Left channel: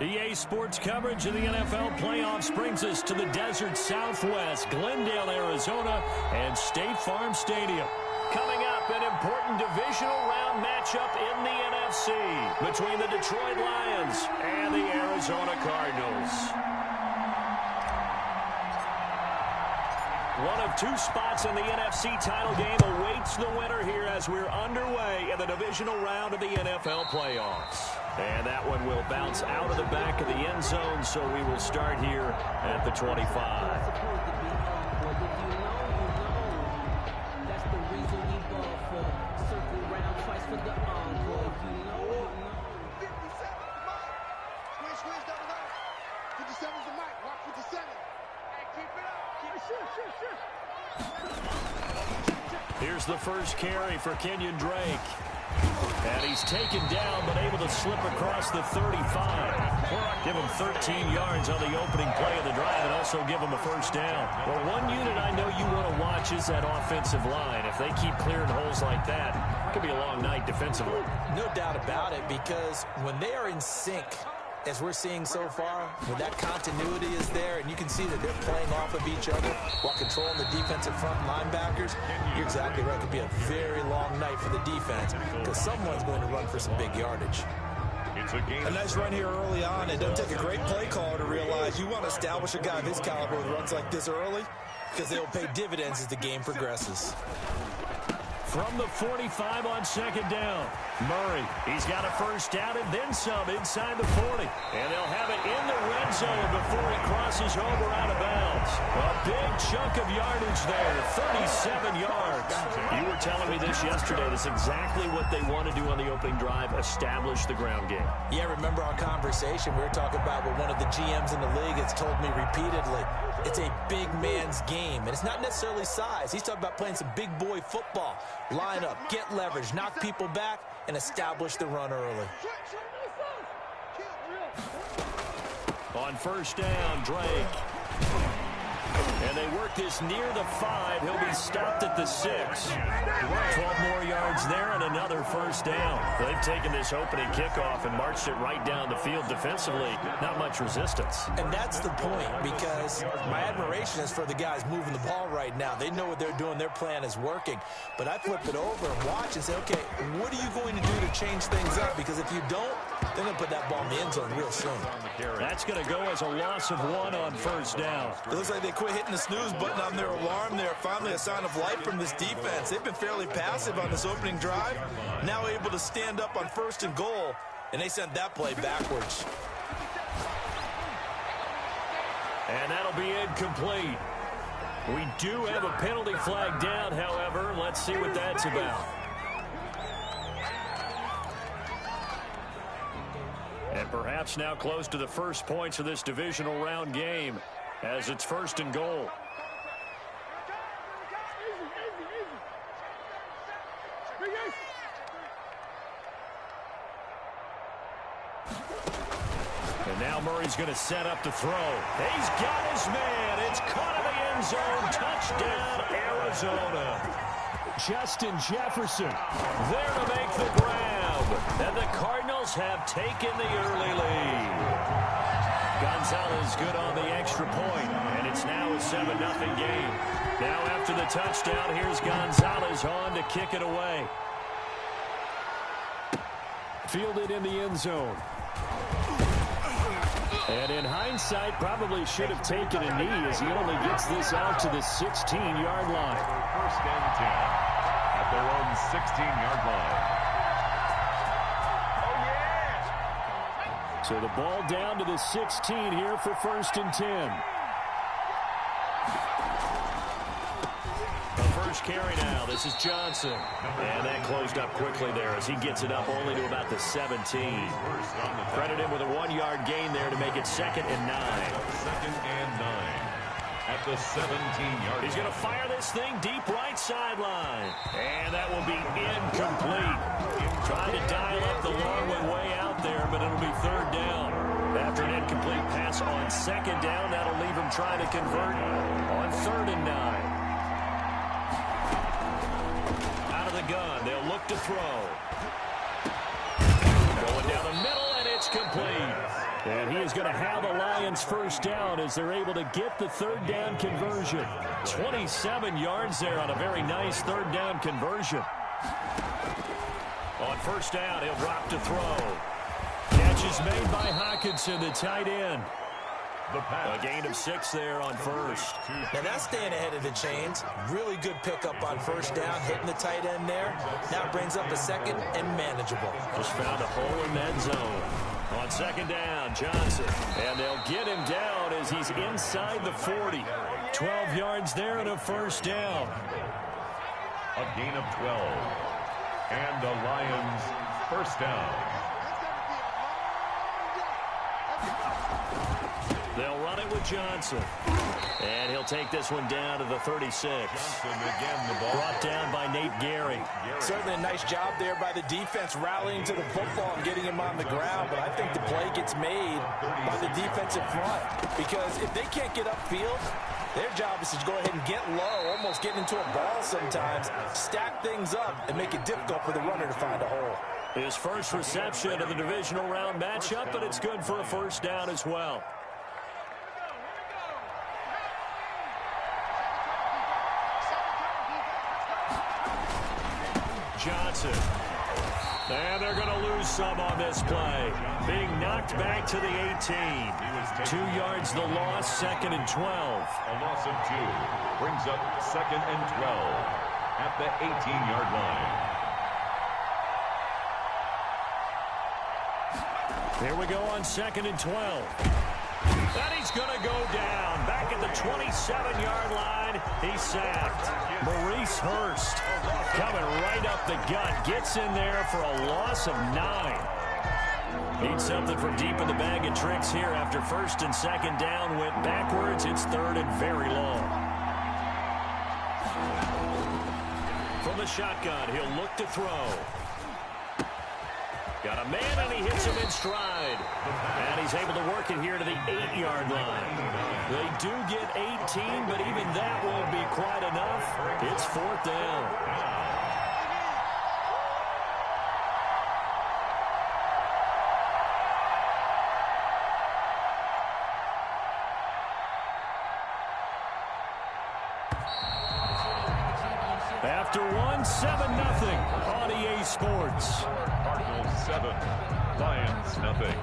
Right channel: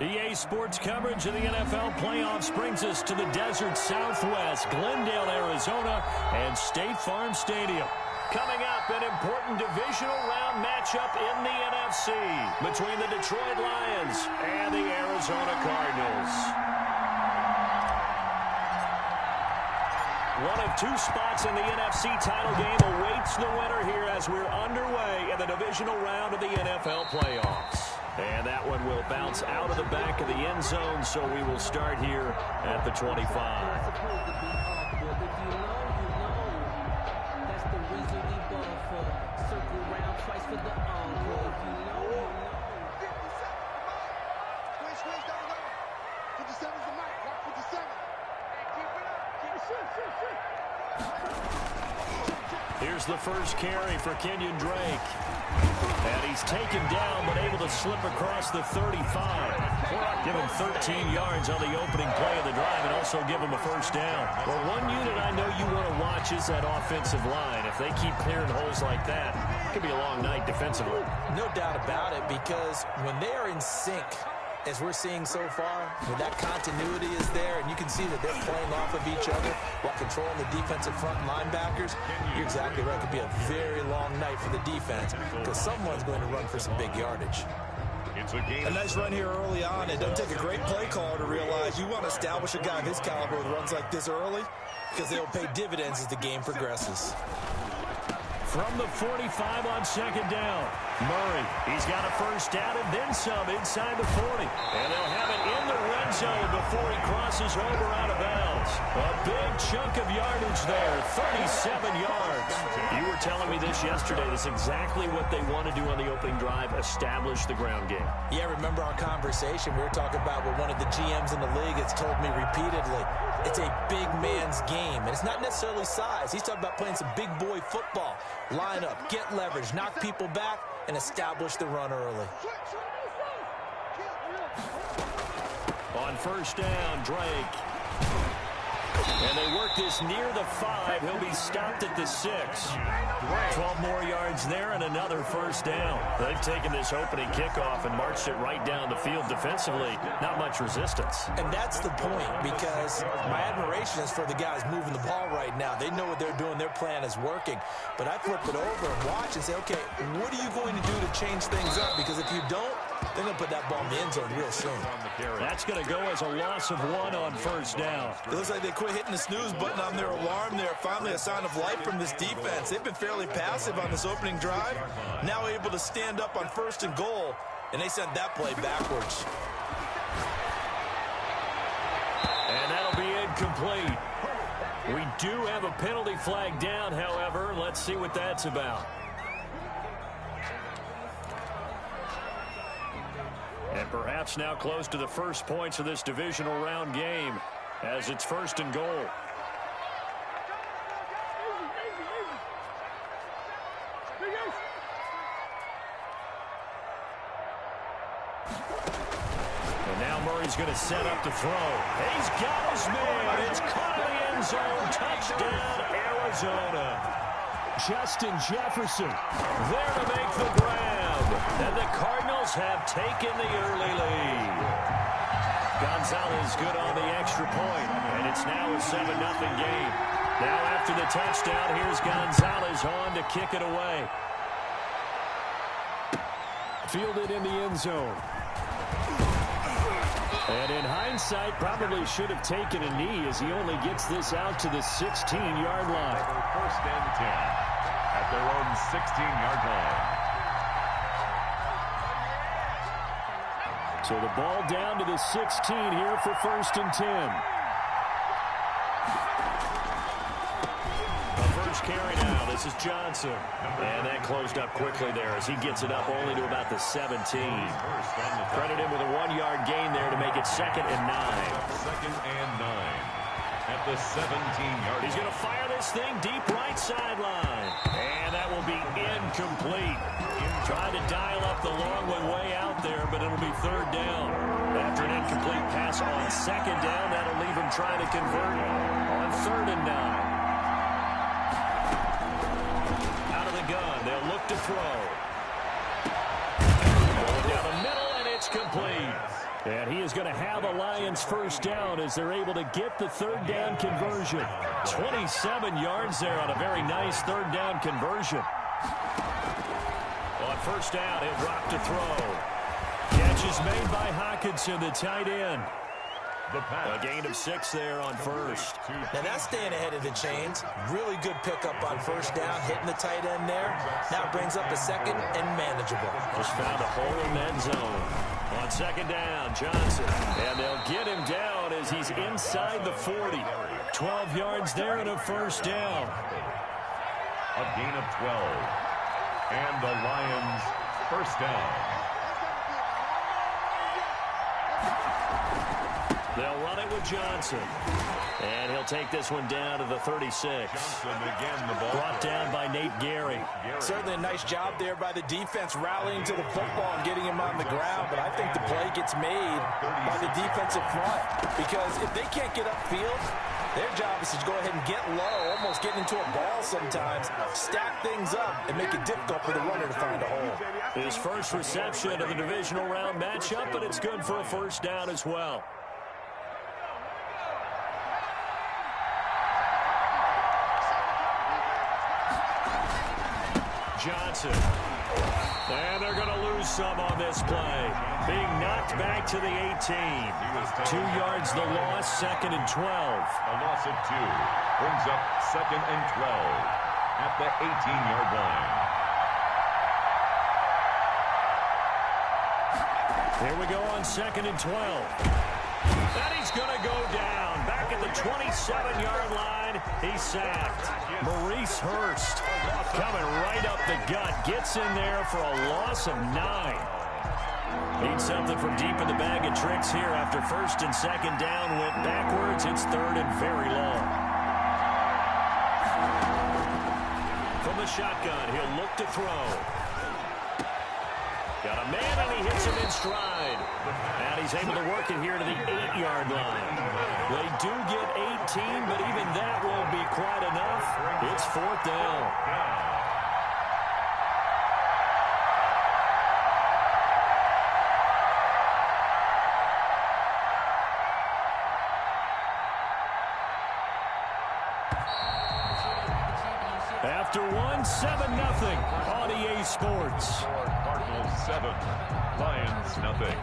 EA Sports coverage of the NFL playoffs brings us to the desert Southwest, Glendale, Arizona, and State Farm Stadium. Coming up, an important divisional round matchup in the NFC between the Detroit Lions and the Arizona Cardinals. One of two spots in the NFC title game awaits the winner here as we're underway in the divisional round of the NFL playoffs. And that one will bounce out of the back of the end zone, so we will start here at the 25. That's the reason we ball for. Circle round twice for the encore. If you know, you know. 57, come on. Squeeze, double down. 57's the mic. Walk 57. Hey, keep it up. Shit. Here's the first carry for Kenyon Drake. And he's taken down, but able to slip across the 35. Give him 13 yards on the opening play of the drive and also give him a first down. Well, one unit I know you want to watch is that offensive line. If they keep clearing holes like that, it could be a long night defensively. No doubt about it, because when they are in sync, as we're seeing so far, when that continuity is there and you can see that they're playing off of each other while controlling the defensive front linebackers, you're exactly right. It could be a very long night for the defense because someone's going to run for some big yardage. A nice run here early on. It doesn't take a great play caller to realize you want to establish a guy of his caliber with runs like this early because they'll pay dividends as the game progresses. From the 45 on second down, Murray. He's got a first down and then some inside the 40. And they'll have it in the red zone before he crosses over out of bounds. A big chunk of yardage there, 37 yards. You were telling me this yesterday. That's exactly what they want to do on the opening drive, establish the ground game. Yeah, remember our conversation? We were talking about what one of the GMs in the league has told me repeatedly. It's a big man's game, and it's not necessarily size. He's talking about playing some big boy football. Line up, get leverage, knock people back, and establish the run early. On first down, Drake. And they work this near the 5. He'll be stopped at the 6. 12 more yards there and another first down. They've taken this opening kickoff and marched it right down the field defensively. Not much resistance. And that's the point, because my admiration is for the guys moving the ball right now. They know what they're doing. Their plan is working. But I flip it over and watch and say, okay, what are you going to do to change things up? Because if you don't, they're going to put that ball in the end zone real soon. That's going to go as a loss of 1 on first down. It looks like they quit hitting the snooze button on their alarm there. Finally a sign of life from this defense. They've been fairly passive on this opening drive. Now able to stand up on first and goal, and they sent that play backwards. And that'll be incomplete. We do have a penalty flag down, however. Let's see what that's about. And perhaps now close to the first points of this divisional round game as it's first and goal. And now Murray's going to set up the throw. He's got his man. It's caught in the end zone. Touchdown, Arizona. Justin Jefferson there to make the grab. And the Cardinals have taken the early lead. Gonzalez good on the extra point, and it's now a 7-0 game. Now after the touchdown, here's Gonzalez on to kick it away. Fielded in the end zone. And in hindsight, probably should have taken a knee as he only gets this out to the 16-yard line. First and 10 at their own 16-yard line. So the ball down to the 16 here for first and 10. The first carry now. This is Johnson. And that closed up quickly there as he gets it up only to about the 17. Credit him with a 1-yard gain there to make it 2nd and 9. 2nd and 9 at the 17-yard line. He's going to fire this thing deep right sideline. And that will be incomplete. Trying to dial up the long one way out there, but it'll be 3rd down. After an incomplete pass on 2nd down, that'll leave him trying to convert on 3rd and 9. Out of the gun, they'll look to throw. Going down the middle, and it's complete. And he is going to have a Lions first down as they're able to get the third down conversion. 27 yards there on a very nice third down conversion. On first down, he'll drop to throw. Catch is made by Hockenson, the tight end. A gain of 6 there on first. Now that's staying ahead of the chains. Really good pickup on first down, hitting the tight end there. Now brings up a second and manageable. Just found a hole in that zone. On second down, Johnson. And they'll get him down as he's inside the 40. 12 yards there and a first down. A gain of 12. And the Lions first down. They'll run it with Johnson. And he'll take this one down to the 36. Johnson again, the ball brought down by Nate Gary. Certainly a nice job there by the defense rallying to the football and getting him on the ground. But I think the play gets made by the defensive front. Because if they can't get upfield, their job is to go ahead and get low, almost get into a ball sometimes, stack things up, and make it difficult for the runner to find a hole. His first reception of the divisional round matchup, but it's good for a first down as well. Johnson. And they're going to lose some on this play. Being knocked back to the 18. 2 yards the loss, second and 12. A loss of 2 brings up second and 12 at the 18-yard line. Here we go on second and 12. And he's going to go down. Back at the 27-yard line, he's sacked. Maurice Hurst coming right up the gut. Gets in there for a loss of 9. Needs something from deep in the bag of tricks here after first and second down went backwards. It's third and very long. From the shotgun, he'll look to throw. Got a man, and he hits him in stride. And he's able to work it here to the 8-yard line. They do get 18, but even that won't be quite enough. It's fourth down. After 7-0 on EA Sports. Cardinals 7, Lions nothing.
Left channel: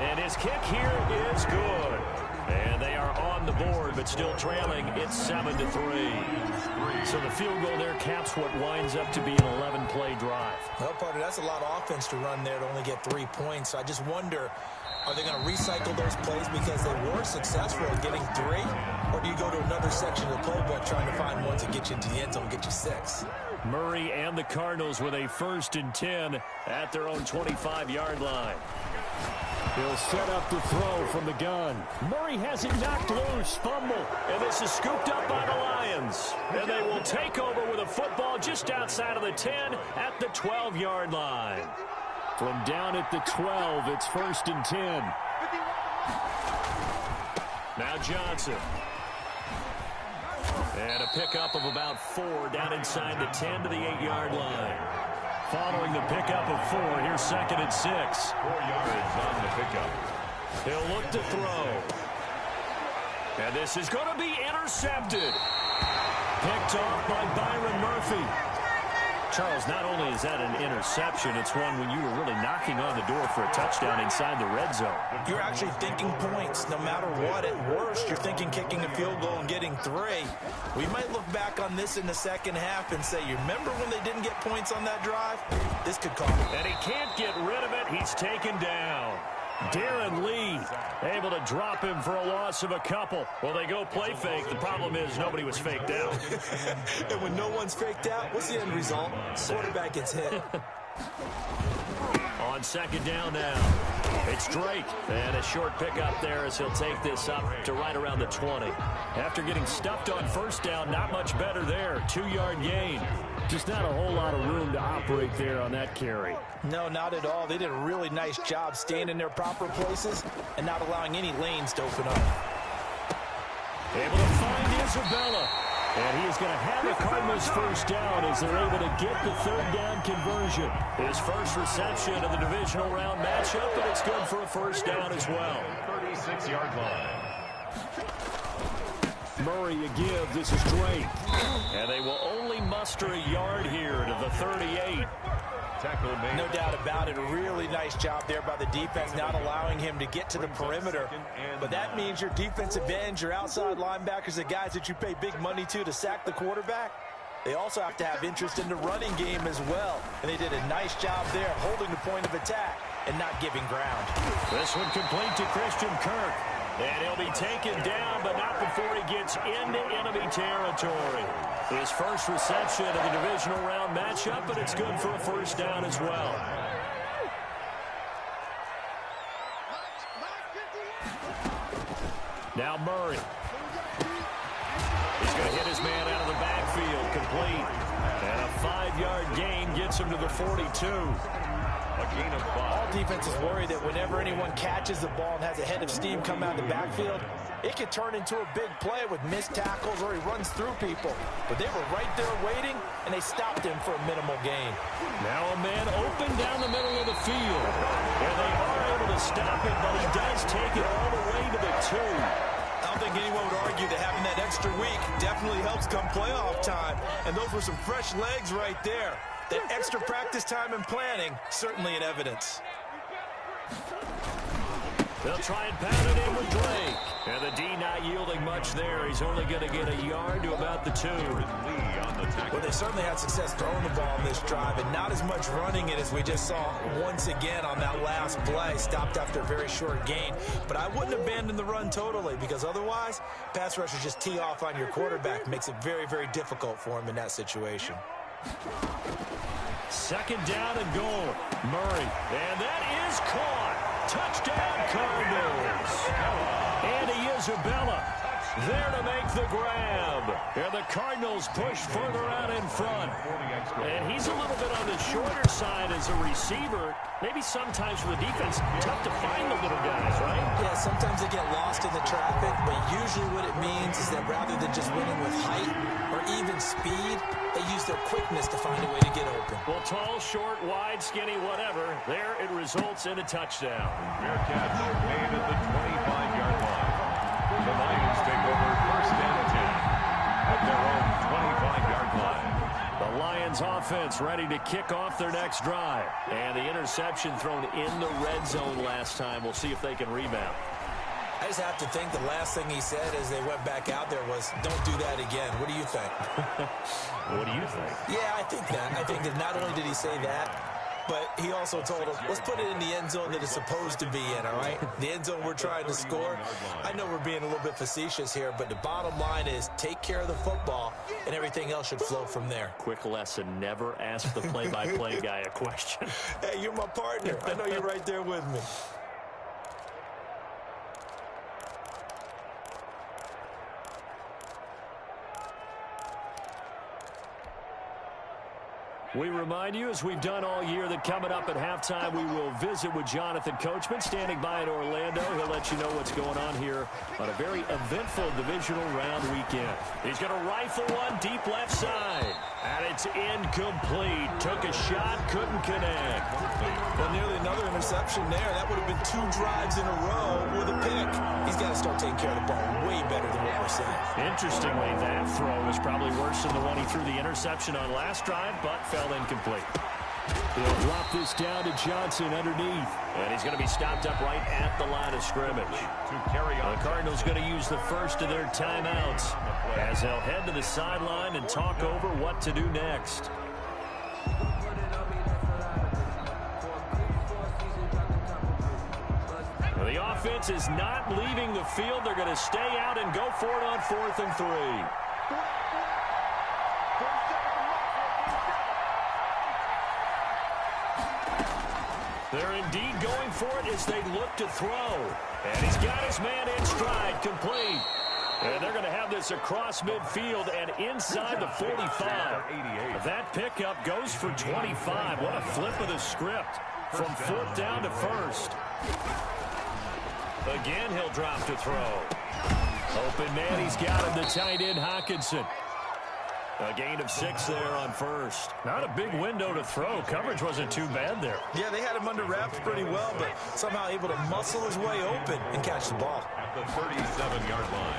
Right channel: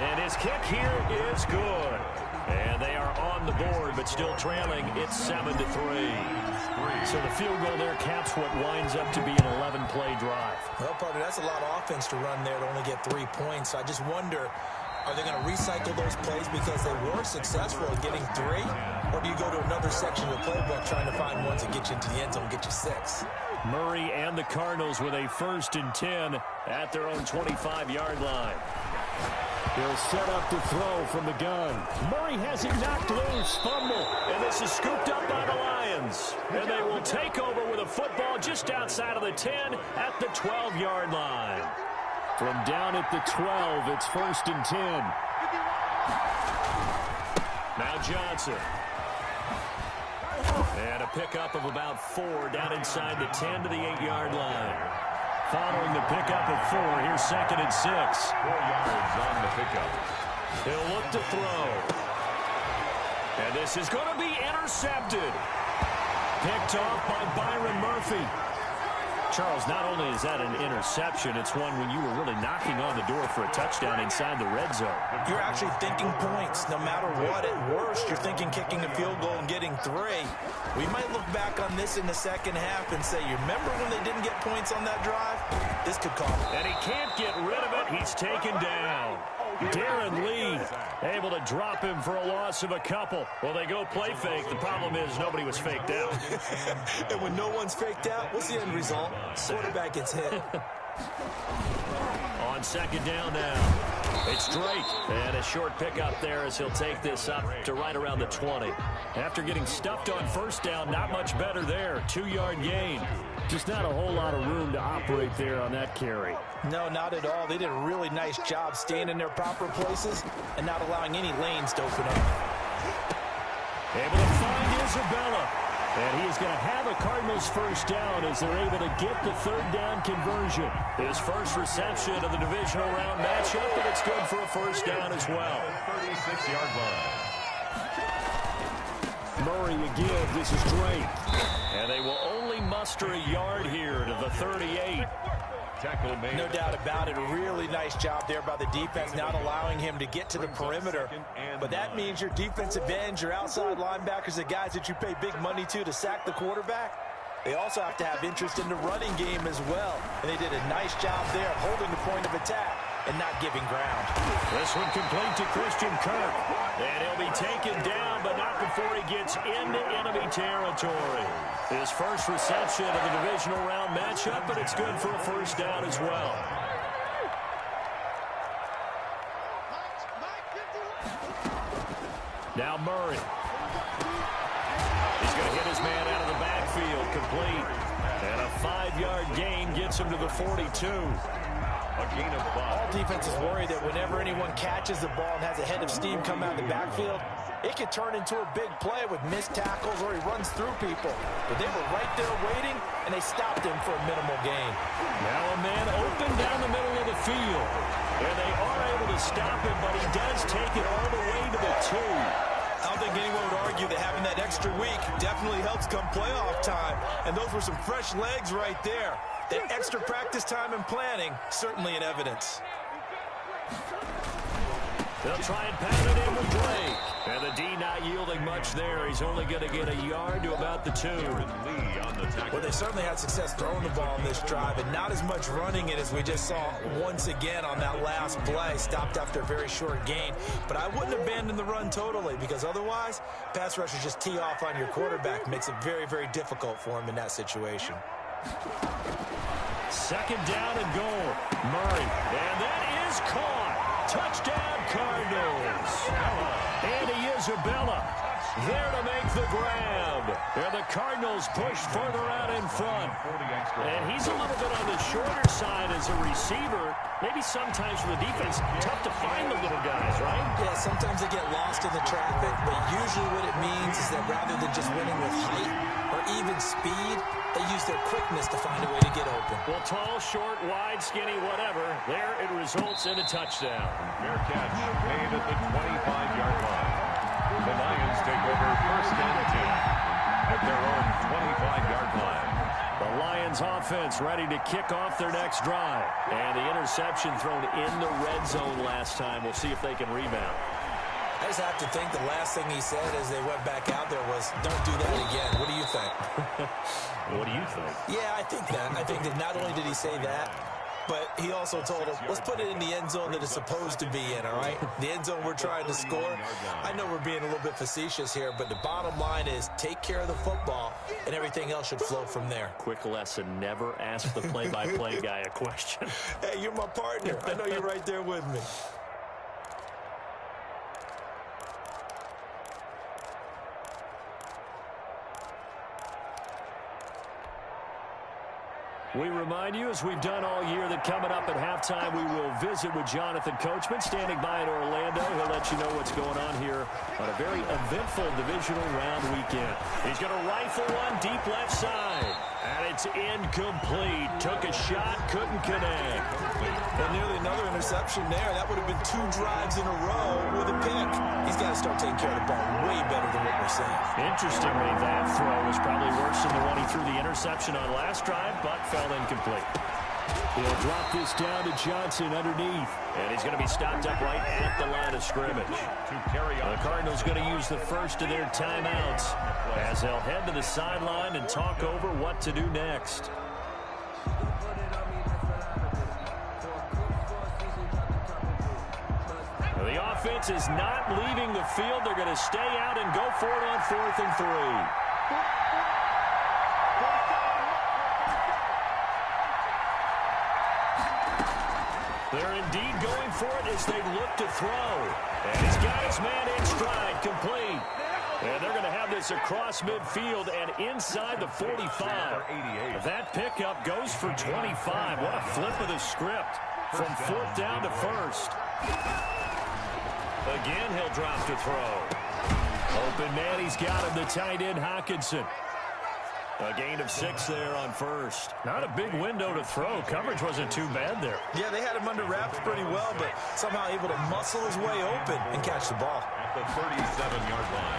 And his kick here is good. And they are on the board, but still trailing. It's 7-3. So the field goal there caps what winds up to be an 11-play drive. Well, partner, that's a lot of offense to run there to only get 3 points. I just wonder, are they going to recycle those plays because they were successful in getting 3? Or do you go to another section of the playbook trying to find ones that get you into the end zone and get you 6? Murray and the Cardinals with a first and 10 at their own 25-yard line. He'll set up to throw from the gun. Murray has it knocked loose. Fumble. And this is scooped up by the Lions. And they will take over with a football just outside of the 10 at the 12-yard line. From down at the 12, it's first and 10. Now Johnson. And a pickup of about 4 down inside the 10 to the 8-yard line. Following the pickup of 4, here's second and 6. 4 yards on the pickup. He'll look to throw. And this is going to be intercepted. Picked off by Byron Murphy. Charles, not only is that an interception, it's one when you were really knocking on the door for a touchdown inside the red zone. You're actually thinking points no matter what. At worst, you're thinking kicking a field goal and getting 3. We might look back on this in the second half and say, you remember when they didn't get points on that drive? This could cost them. And he can't get rid of it. He's taken down. Darren Lee able to drop him for a loss of a couple. Well, they go play fake. The problem is nobody was faked out. And when no one's faked out, what's the end result? Quarterback gets hit. On second down now, it's Drake. And a short pickup there as he'll take this up to right around the 20. After getting stuffed on first down, not much better there. 2-yard gain. Just not a whole lot of room to operate there on that carry. No, not at all. They did a really nice job staying in their proper places and not allowing any lanes to open up. Able to find Isabella. And he is going to have a Cardinals first down as they're able to get the third down conversion. His first reception of the divisional round matchup, but it's good for a first down as well. 36-yard line. Murray a give. This is Drake. And they will only muster a yard here to the 38. Tackle made. No doubt about it. A really nice job there by the defense, not allowing him to get to the perimeter. But that means your defensive ends, your outside linebackers, the guys that you pay big money to sack the quarterback, they also have to have interest in the running game as well. And they did a nice job there of holding the point of attack and not giving ground. This one complete to Christian Kirk. And he'll be taken down, but not before he gets into enemy territory. His first reception of the divisional round matchup, but it's good for a first down as well. Now Murray. He's going to hit his man out of the backfield, complete. And a 5-yard gain gets him to the 42. A gain of 5. All defenses worry that whenever anyone catches the ball and has a head of steam come out of the backfield, it could turn into a big play with missed tackles or he runs through people. But they were right there waiting, and they stopped him for a minimal gain. Now a man open down the middle of the field. And they are able to stop him, but he does take it all the way to the 2. I don't think anyone would argue that having that extra week definitely helps come playoff time. And those were some fresh legs right there. That extra practice time and planning, certainly in evidence. They'll try and pound it in with Drake. And the D not yielding much there. He's only going to get a yard to about the 2. Well, they certainly had success throwing the ball on this drive, and not as much running it as we just saw once again on that last play. Stopped after a very short gain. But I wouldn't abandon the run totally, because otherwise, pass rushers just tee off on your quarterback. Makes it very, very difficult for him in that situation. Second down and goal. Murray. And that is caught. Touchdown, Cardinals. Andy Isabella there to make the grab. And the Cardinals push further out in front. And he's a little bit on the shorter side as a receiver. Maybe sometimes for the defense, tough to find the little guys, right? Yeah, sometimes they get lost in the traffic, but usually what it means is that rather than just winning with height or even speed, they use their quickness to find a way to get open. Well, tall, short, wide, skinny, whatever, there it results in a touchdown. Fair catch made at the 25-yard line. The Lions take over first and 10 at their own 25-yard line. The Lions offense ready to kick off their next drive. And the interception thrown in the red zone last time. We'll see if they can rebound. I just have to think the last thing he said as they went back out there was, don't do that again. What do you think? What do you think? Yeah, I think that. I think that not only did he say that, but he also told him, let's put it in the end zone that it's supposed to be in, all right? The end zone we're trying to score. I know we're being a little bit facetious here, but the bottom line is take care of the football, and everything else should flow from there. Quick lesson, never ask the play-by-play guy a question. Hey, you're my partner. I know you're right there with me. We remind you, as we've done all year, that coming up at halftime, we will visit with Jonathan Coachman, standing by in Orlando. He'll let you know what's going on here on a very eventful divisional round weekend. He's going to rifle one deep left side, and it's incomplete. Took a shot, couldn't connect. Well, nearly another interception there. That would have been 2 drives in a row with a pick. He's got to start taking care of the ball way better than what we're seeing. Interestingly, that throw was probably worse than the one he threw the interception on last drive, but fell incomplete. He'll drop this down to Johnson underneath, and he's going to be stopped up right at the line of scrimmage. To carry on. The Cardinals going to use the first of their timeouts as they'll head to the sideline and talk over what to do next. The offense is not leaving the field. They're going to stay out and go for it on 4th and 3. They're indeed going for it as they look to throw. And he's got his man in stride, complete. And they're going to have this across midfield and inside the 45. That pickup goes for 25. What a flip of the script from fourth down to first. Again, he'll drop to throw. Open man, he's got him, the tight end, Hawkinson. A gain of 6 there on first. Not a big window to throw. Coverage wasn't too bad there. Yeah, they had him under wraps pretty well, but somehow able to muscle his way open and catch the ball. At the 37-yard line.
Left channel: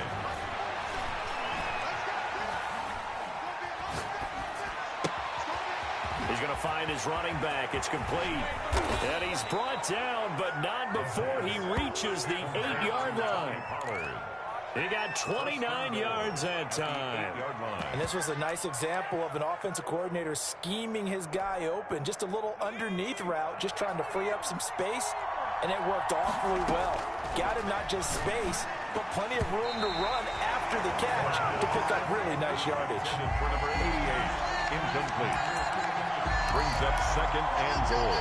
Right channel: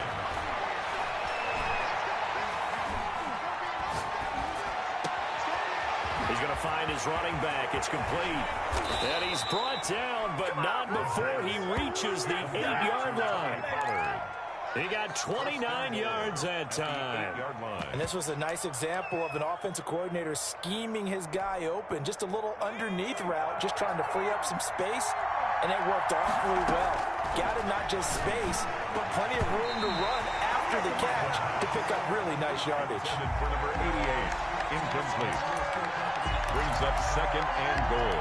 He's going to find his running back. It's complete. And he's brought down, but not before he reaches the 8-yard line. He got 29 yards that time. And this was a nice example of an offensive coordinator scheming his guy open. Just a little underneath route, just trying to free up some space, and it worked awfully well. Got him not just space, but plenty of room to run after the catch to pick up really nice yardage. For number 88, incomplete. Brings up 2nd and goal.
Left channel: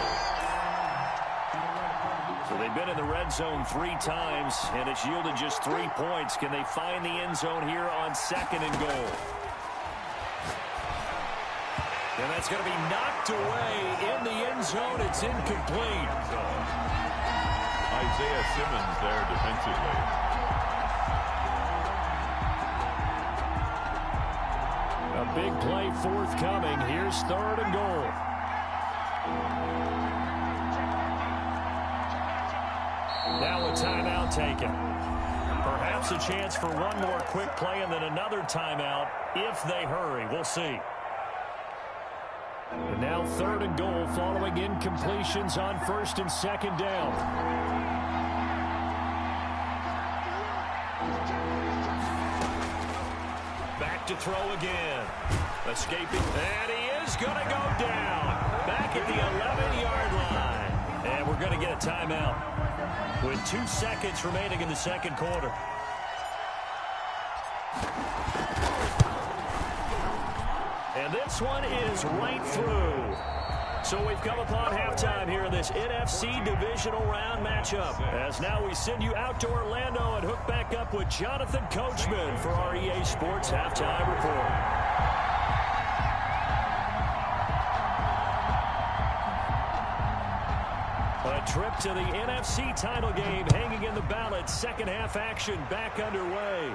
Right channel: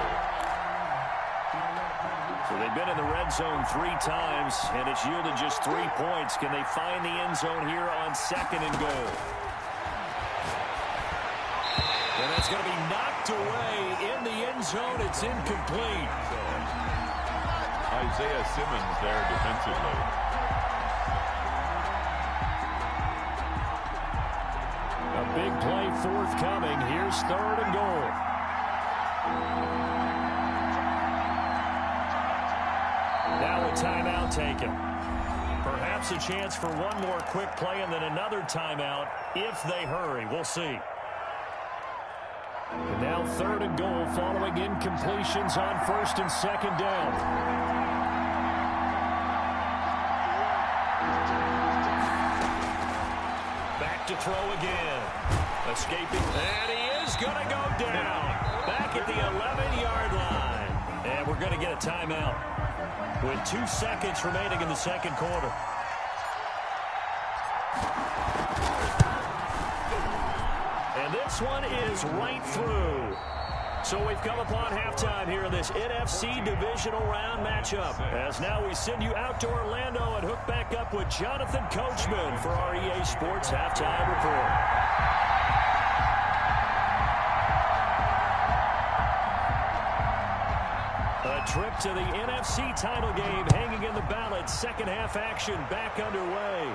So they've been in the red zone 3 times, and it's yielded just 3 points. Can they find the end zone here on 2nd and goal? And that's going to be knocked away in the end zone. It's incomplete. Isaiah Simmons there defensively. A big play forthcoming. Here's 3rd and goal. Now a timeout taken. Perhaps a chance for one more quick play and then another timeout if they hurry. We'll see. And now 3rd and goal following incompletions on 1st and 2nd down. Back to throw again. Escaping. And he is going to go down. Back at the 11-yard line. And we're going to get a timeout with 2 seconds remaining in the 2nd quarter. And this one is right through. So we've come upon halftime here in this NFC Divisional Round matchup. As now we send you out to Orlando and hook back up with Jonathan Coachman for our EA Sports Halftime Report. A trip to the NFC title game hanging in the balance. Second half action back underway.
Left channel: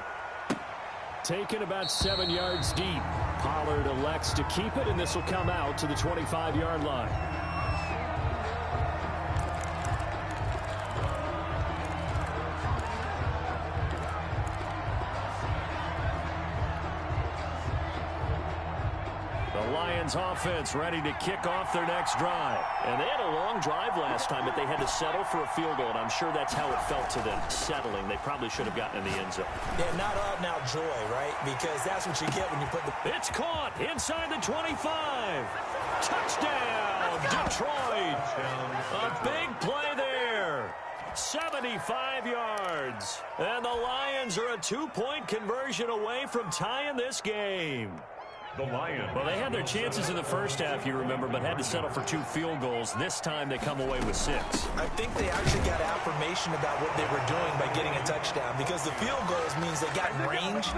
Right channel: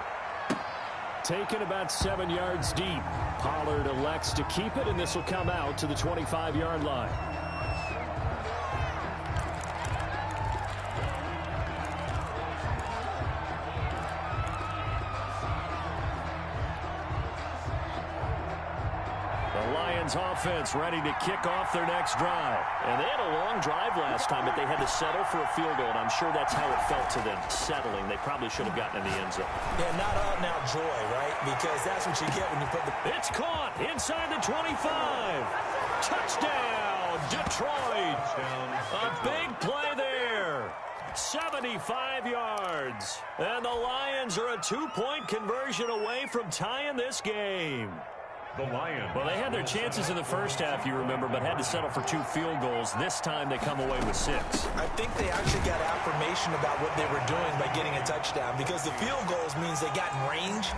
Taken about 7 yards deep. Pollard elects to keep it, and this will come out to the 25-yard line. The Lions offense ready to kick off their next drive. And they had a long drive last time, but they had to settle for a field goal, and I'm sure that's how it felt to them, settling. They probably should have gotten in the end zone. Yeah, not out-and-out joy, right? Because that's what you get when you put the... It's caught inside the 25. Touchdown, Detroit. A big play there. 75 yards. And the Lions are a 2-point conversion away from tying this game. The Lions. Well, they had their chances in the first half, you remember, but had to settle for 2 field goals. This time they come away with 6. I think they actually got affirmation about what they were doing by getting a touchdown, because the field goals means they got in range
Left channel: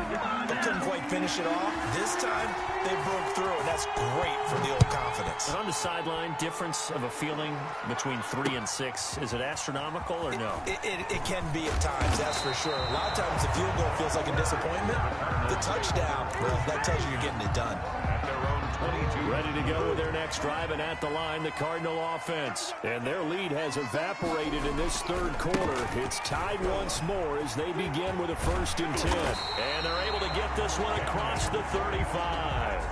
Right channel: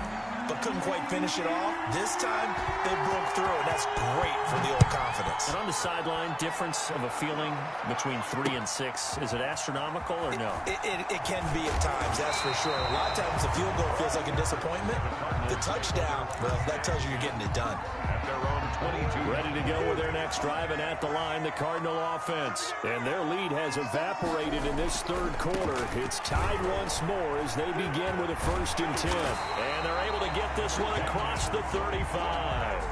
but couldn't quite finish it off. This time they broke through, and that's great for the old confidence. And on the sideline, difference of a feeling between 3 and 6, is it astronomical or no? It can be at times, that's for sure. A lot of times the field goal feels like a disappointment. The touchdown, well, that tells you you're getting it done. At their own 22. Ready to go with their next drive, and at the line, the Cardinal offense. And their lead has evaporated in this 3rd quarter. It's tied once more as they begin with a 1st and 10. And they're able to get this one across the 35.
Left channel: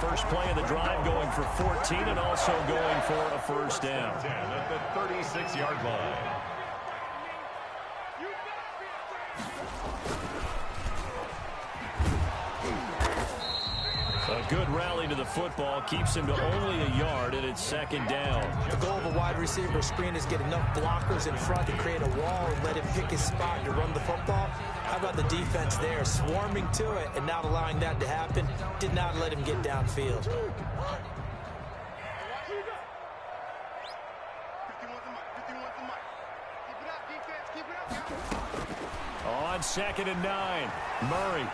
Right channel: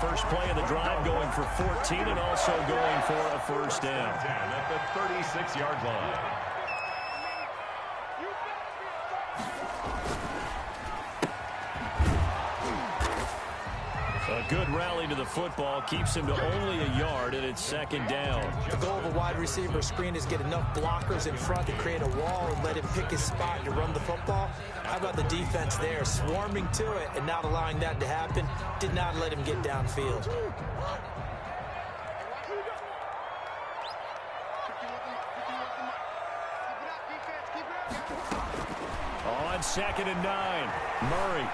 First play of the drive going for 14 and also going for a 1st down. 10 at the 36-yard line. A good rally to the football keeps him to only a yard, and it's 2nd down. The goal of a wide receiver screen is get enough blockers in front to create a wall and let him pick his spot to run the football. How about the defense there, swarming to it and not allowing that to happen? Did not let him get downfield. On 2nd and 9, Murray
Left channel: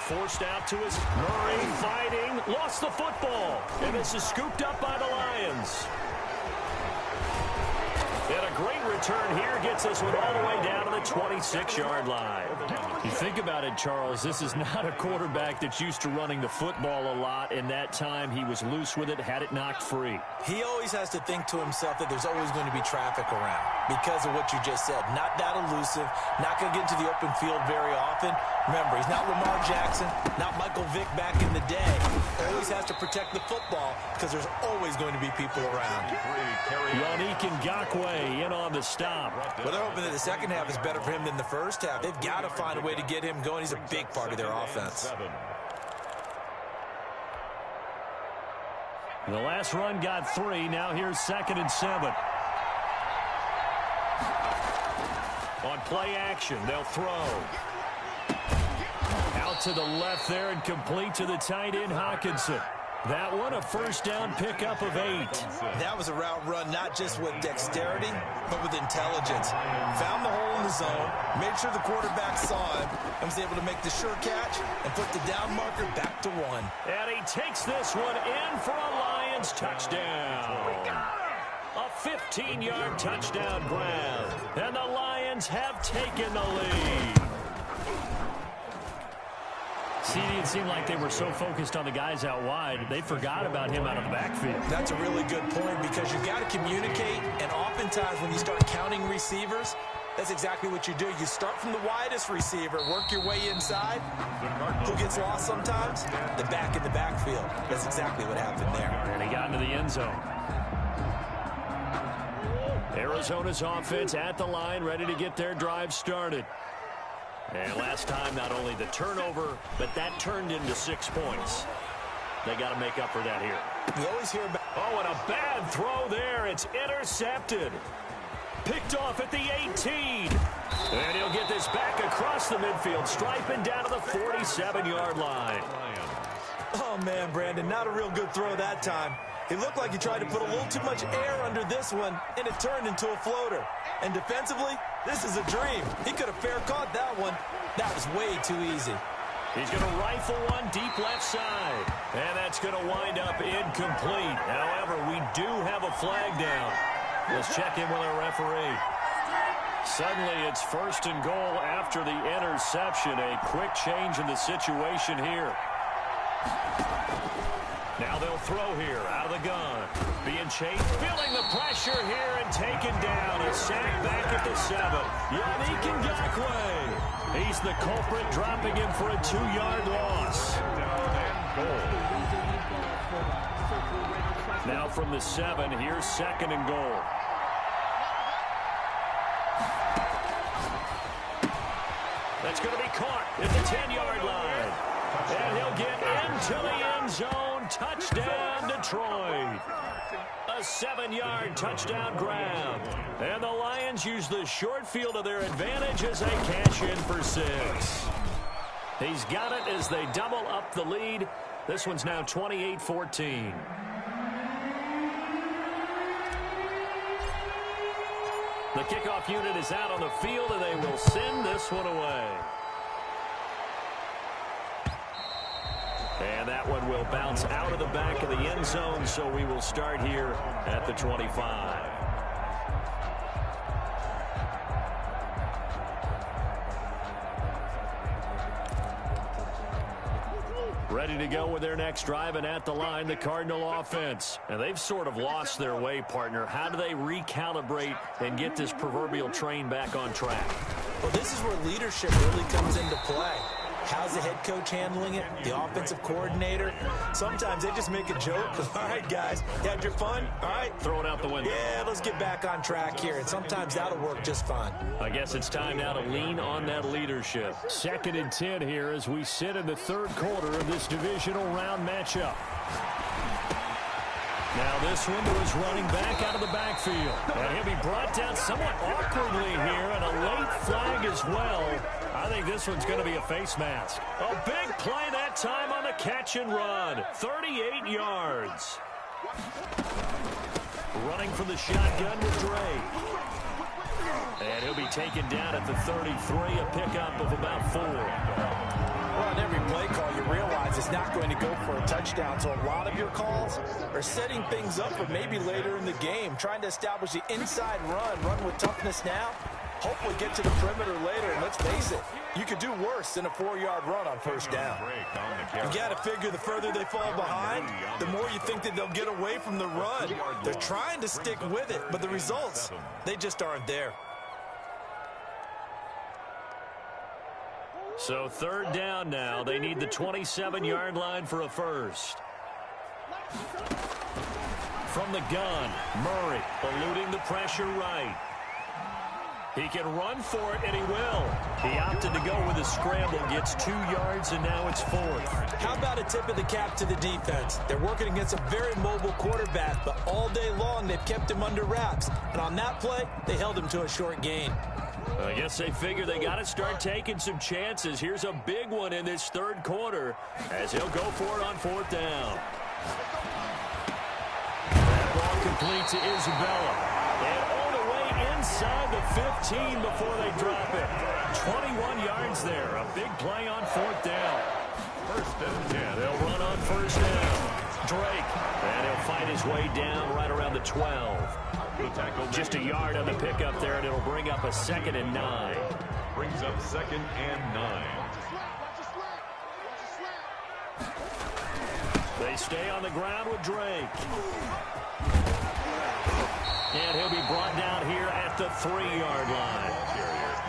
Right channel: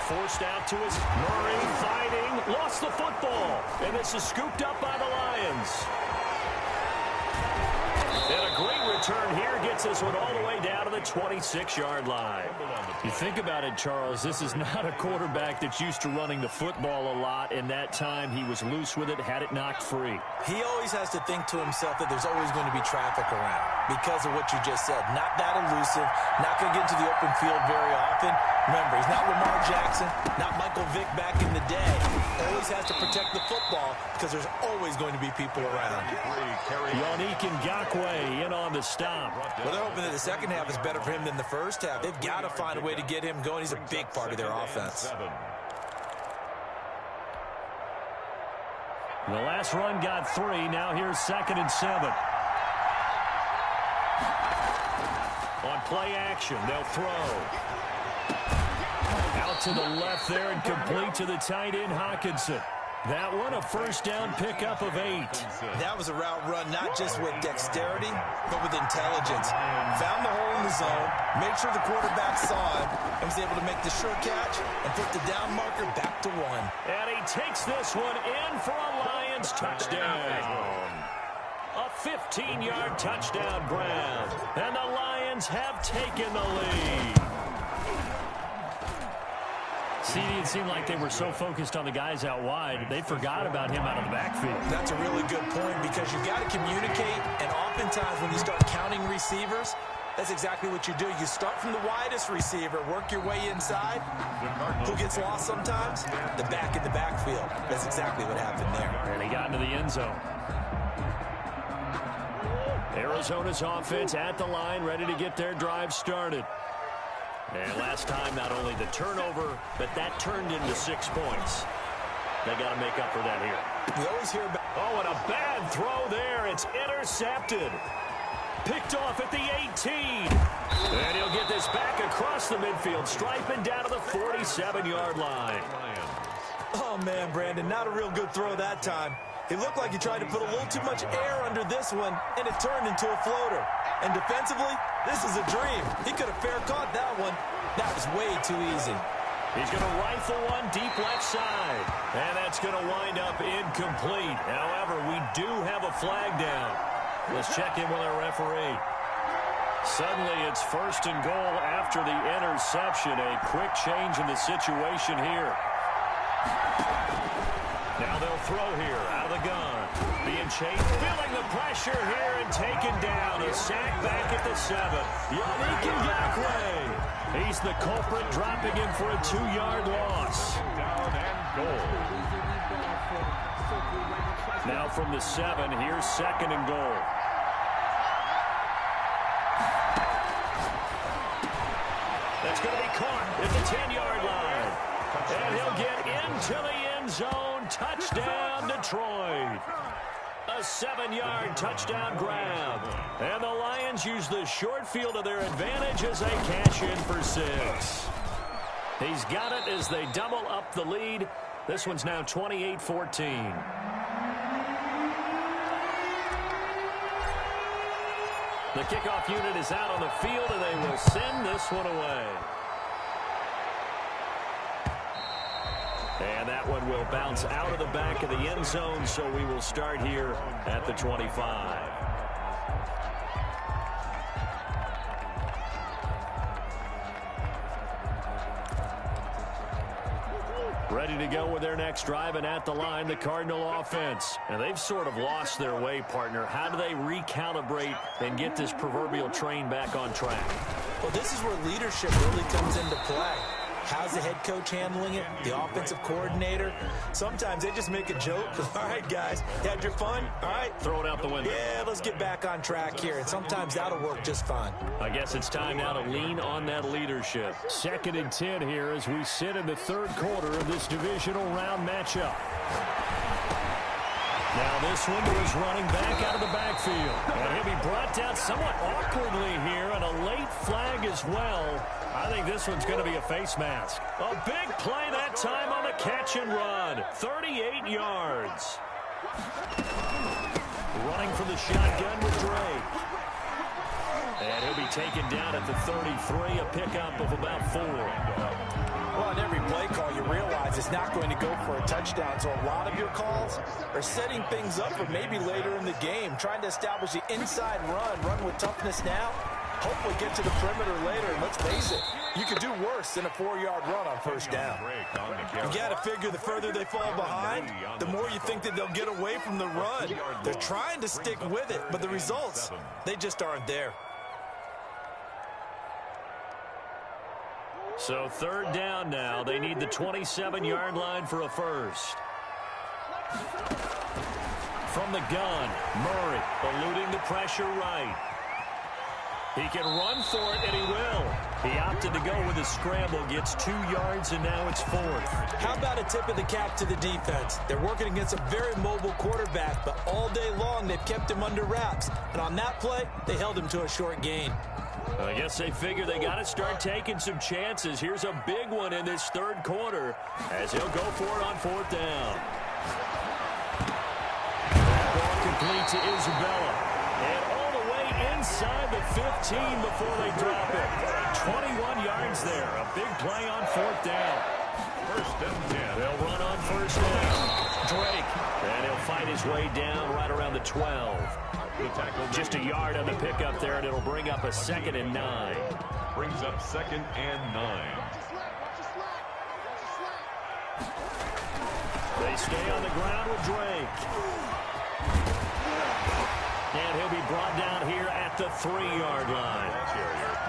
forced out to his Murray fighting, lost the football, and this is scooped up by the Lions. And a great return here gets this one all the way down to the 26-yard line. You think about it, Charles, this is not a quarterback that's used to running the football a lot, and that time he was loose with it, had it knocked free. He always has to think to himself that there's always going to be traffic around because of what you just said. Not that elusive, not going to get into the open field very often. Remember, he's not Lamar Jackson, not Michael Vick back in the day. Always has to protect the football because there's always going to be people around. Yannick Ngakoue in on the stop. Well, they're hoping that the second half is better for him than the first half. They've got to find a way to get him going. He's a big part of their offense. The last run got 3. Now here's 2nd and 7. On play action, they'll throw. Out to the left there and complete to the tight end, Hawkinson. That one, a first down pickup of 8. That was a route run not just with dexterity, but with intelligence. Found the hole in the zone, made sure the quarterback saw him, and was able to make the sure catch and put the down marker back to 1. And he takes this one in for a Lions touchdown. A 15-yard touchdown grab. And the Lions have taken the lead. CD, it seemed like they were so focused on the guys out wide, they forgot about him out of the backfield. That's a really good point because you've got to communicate, and oftentimes when you start counting receivers, that's exactly what you do. You start from the widest receiver, work your way inside. Who gets lost sometimes? The back in the backfield. That's exactly what happened there. And he got into the end zone. Arizona's offense at the line, ready to get their drive started. And last time, not only the turnover, but that turned into 6 points. They got to make up for that here. We always hear about... Oh, and a bad throw there. It's intercepted. Picked off at the 18. And he'll get this back across the midfield, striping down to the 47-yard line. Oh, man, Brandon, not a real good throw that time. It looked like he tried to put a little too much air under this one, and it turned into a floater. And defensively, this is a dream. He could have fair caught that one. That was way too easy. He's going to rifle one deep left side. And that's going to wind up incomplete. However, we do have a flag down. Let's check in with our referee. Suddenly, it's 1st and goal after the interception. A quick change in the situation here. Now they'll throw here out of the gun. Being chased, feeling the pressure here and taken down. A sack back at the 7. Yannick Ngakoue. He's the culprit, dropping him for a 2-yard loss. Down and goal. Now from the 7, here's 2nd and goal. That's going to be caught at the 10-yard line. And he'll get into the end zone. Touchdown, Detroit. A 7-yard touchdown grab. And the Lions use the short field to their advantage as they cash in for 6. He's got it as they double up the lead. This one's now 28-14. The kickoff unit is out on the field, and they will send this one away. And that one will bounce out of the back of the end zone, so we will start here at the 25. Ready to go with their next drive, and at the line, the Cardinal offense. And they've sort of lost their way, partner. How do they recalibrate and get this proverbial train back on track? Well, this is where leadership really comes into play. How's the head coach handling it? The offensive coordinator? Sometimes they just make a joke. All right, guys, you had your fun? All right. Throw it out the window. Yeah, let's get back on track here. And sometimes that'll work just fine. I guess it's time now to lean on that leadership. 2nd and 10 here as we sit in the 3rd quarter of this divisional round matchup. Now this one to his running back out of the backfield. And he'll be brought down somewhat awkwardly here, and a late flag as well. I think this one's going to be a face mask. A big play that time on the catch and run. 38 yards. Running from the shotgun with Dre. And he'll be taken down at the 33, a pickup of about 4. Well, on every play call, you realize it's not going to go for a touchdown, so a lot of your calls are setting things up for maybe later in the game, trying to establish the inside run with toughness now, hopefully get to the perimeter later, and let's face it, you could do worse than a 4-yard run on first down. You got to figure the further they fall behind, the more you think that they'll get away from the run. They're trying to stick with it, but the results, they just aren't there. So 3rd down now. They need the 27-yard line for a first. From the gun, Murray eluding the pressure right. He can run for it, and he will. He opted to go with a scramble, gets 2 yards, and now it's 4th. How about a tip of the cap to the defense? They're working against a very mobile quarterback, but all day long they've kept him under wraps. And on that play, they held him to a short gain. I guess they figure they got to start taking some chances. Here's a big one in this 3rd quarter as he'll go for it on 4th down. That ball complete to Isabella. And all the way inside the 15 before they drop it. 21 yards there. A big play on 4th down. 1st and 10. They'll run on 1st down. Drake. And he'll fight his way down right around the 12. Just a yard on the pickup there, and it'll bring up a 2nd and 9. Brings up 2nd and 9. They stay on the ground with Drake. And he'll be brought down here at the 3-yard line.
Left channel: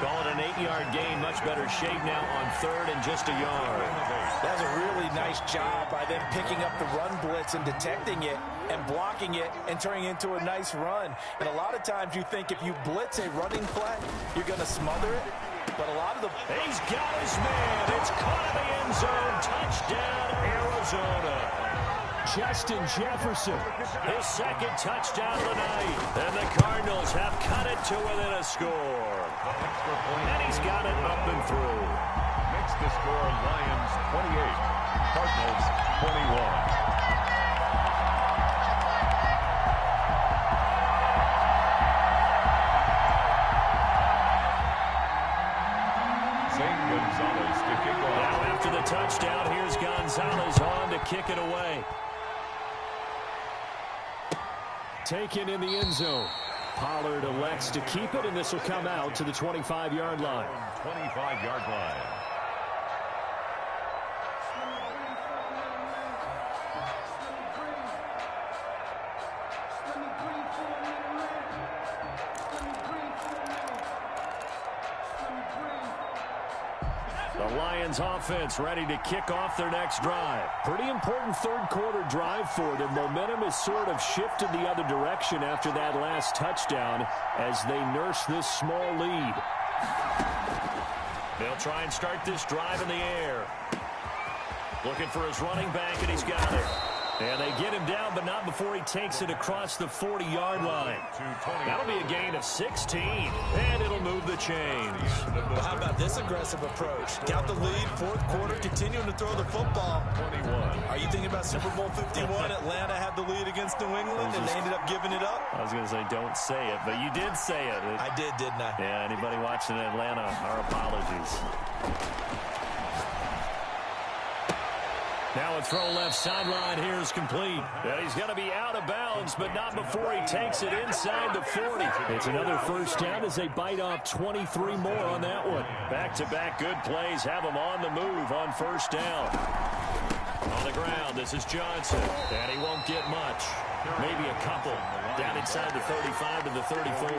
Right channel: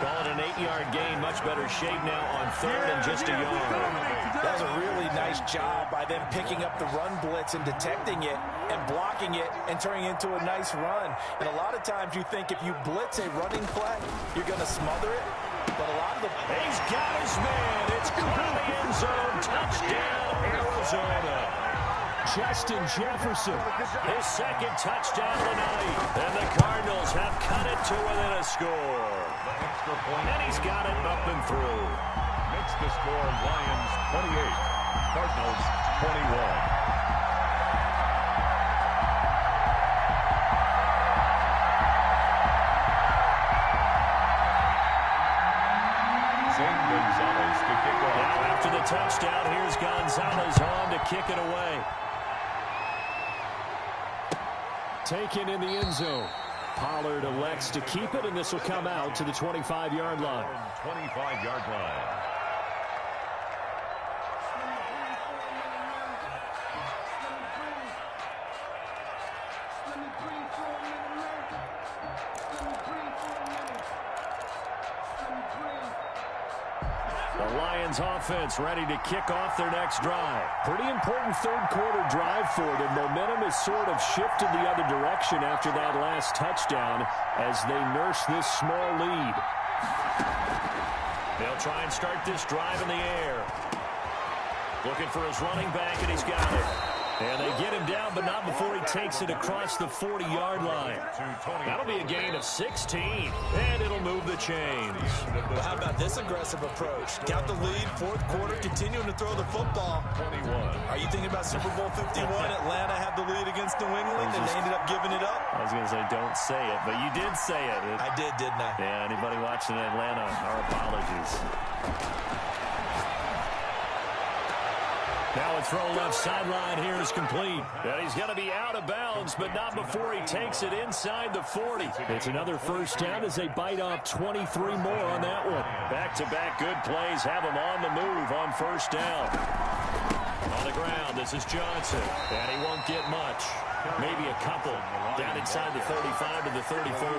Call it an 8-yard gain. Much better shape now on 3rd and just a yard. That was a really nice job by them picking up the run blitz and detecting it and blocking it and turning it into a nice run. And a lot of times you think if you blitz a running play, you're going to smother it. But a lot of the... He's got his man. It's caught in the end zone. Touchdown, Arizona. Justin Jefferson, his 2nd touchdown of the night. And the Cardinals have cut it to within a score. And he's got it up and through. Makes the score Lions 28, Cardinals 21. Zane Gonzalez to kick off. Now after the touchdown, here's Gonzalez on to kick it away. Taken in the end zone. Pollard elects to keep it, and this will come out to the 25-yard line. 25-yard line. The Lions offense ready to kick off their next drive. Pretty important 3rd quarter drive for them. Momentum has sort of shifted the other direction after that last touchdown as they nurse this small lead. They'll try and start this drive in the air. Looking for his running back, and he's got it. And they get him down, but not before he takes it across the 40-yard line. That'll be a gain of 16, and it'll move the chains. Well, how about this aggressive approach? Got the lead, 4th quarter, continuing to throw the football. 21. Are you thinking about Super Bowl 51? Atlanta had the lead against New England, and they ended up giving it up? I was going to say, don't say it, but you did say it. I did, didn't I? Yeah, anybody watching Atlanta, our apologies. Now a throw left sideline here is complete. And he's going to be out of bounds, but not before he takes it inside the 40. It's another first down as they bite off 23 more on that one. Back-to-back good plays have him on the move on 1st down. On the ground, this is Johnson, and he won't get much. Maybe a couple. Down inside the 35 to the 34. All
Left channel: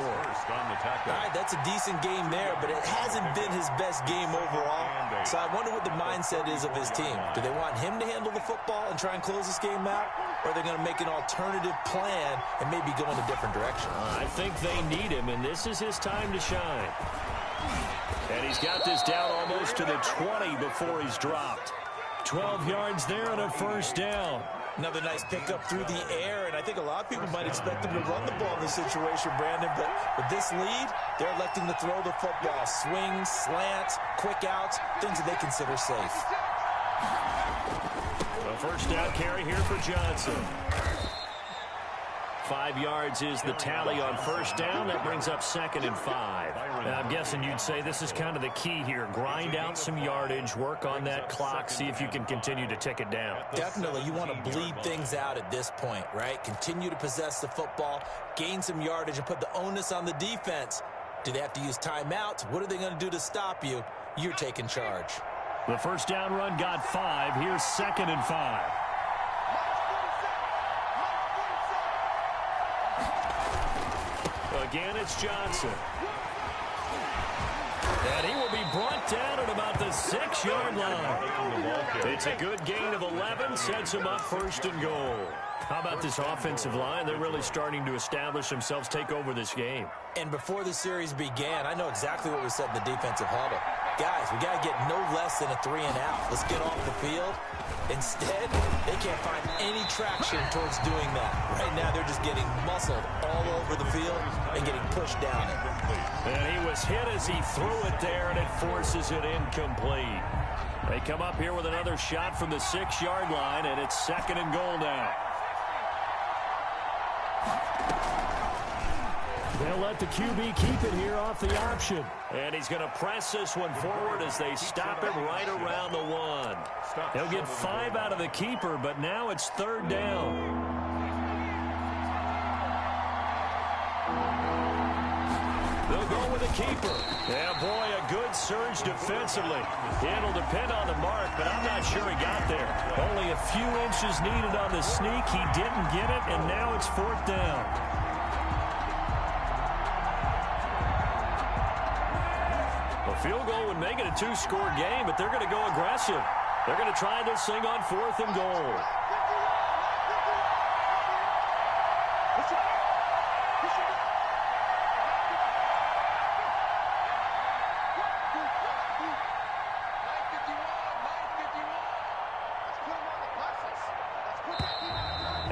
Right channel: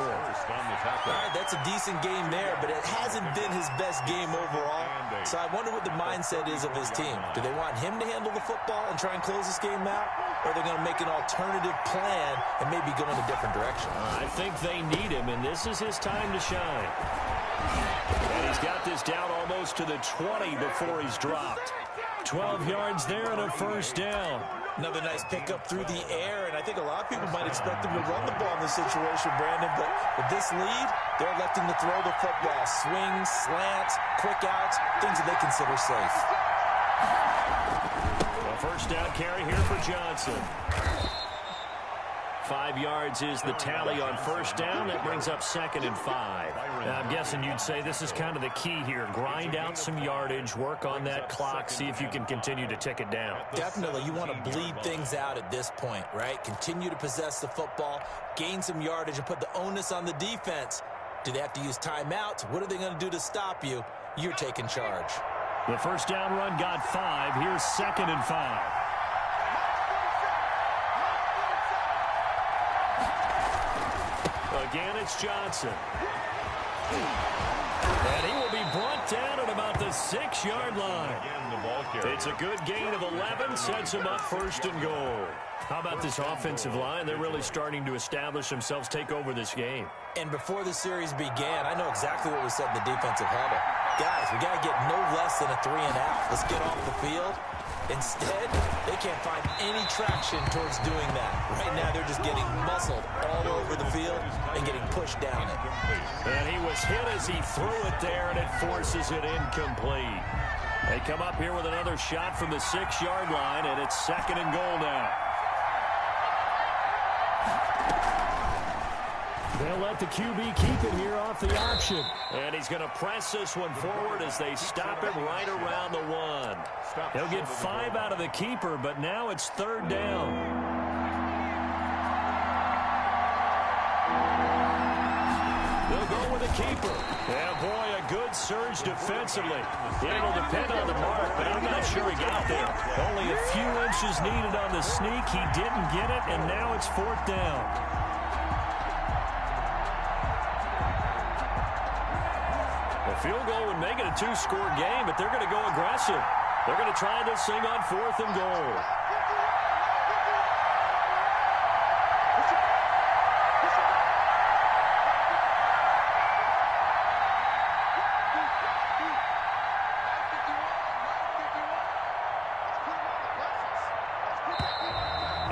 right, that's a decent game there, but it hasn't been his best game overall. So I wonder what the mindset is of his team. Do they want him to handle the football and try and close this game out? Or are they going to make an alternative plan and maybe go in a different direction? I think they need him, and this is his time to shine. And he's got this down almost to the 20 before he's dropped. 12 yards there and a first down. Another nice pickup through the air, and I think a lot of people might expect him to run the ball in this situation, Brandon, but with this lead, they're electing to throw the football. Swings, slants, quick outs, things that they consider safe. A first down carry here for Johnson. 5 yards is the tally on first down. That brings up 2nd and 5. Now, I'm guessing you'd say this is kind of the key here. Grind out some yardage, work on that clock, see if you can continue to tick it down. Definitely. You want to bleed things out at this point, right? Continue to possess the football, gain some yardage, and put the onus on the defense. Do they have to use timeouts? What are they going to do to stop you? You're taking charge. The first down run got 5. Here's 2nd and 5. Again, it's Johnson. And he will be brought down at about the 6-yard line. It's a good gain of 11, sets him up 1st and goal. How about this offensive line? They're really starting to establish themselves, take over this game. And before the series began, I know exactly what was said in the defensive huddle. Guys, we got to get no less than a 3 and out. Let's get off the field. Instead, they can't find any traction towards doing that. Right now, they're just getting muscled all over the field and getting pushed down it. And he was hit as he threw it there, and it forces it incomplete. They come up here with another shot from the 6-yard line, and it's 2nd and goal now. They'll let the QB keep it here off the option. And he's going to press this one forward as they stop him right around the 1. He'll get 5 out of the keeper, but now it's 3rd down. They'll go with the keeper. Yeah, boy, a good surge defensively. It'll depend on the mark, but I'm not sure he got there. Only a few inches needed on the sneak. He didn't get it, and now it's 4th down. A field goal would make it a 2-score game, but they're going to go aggressive. They're going to try this thing on 4th and goal.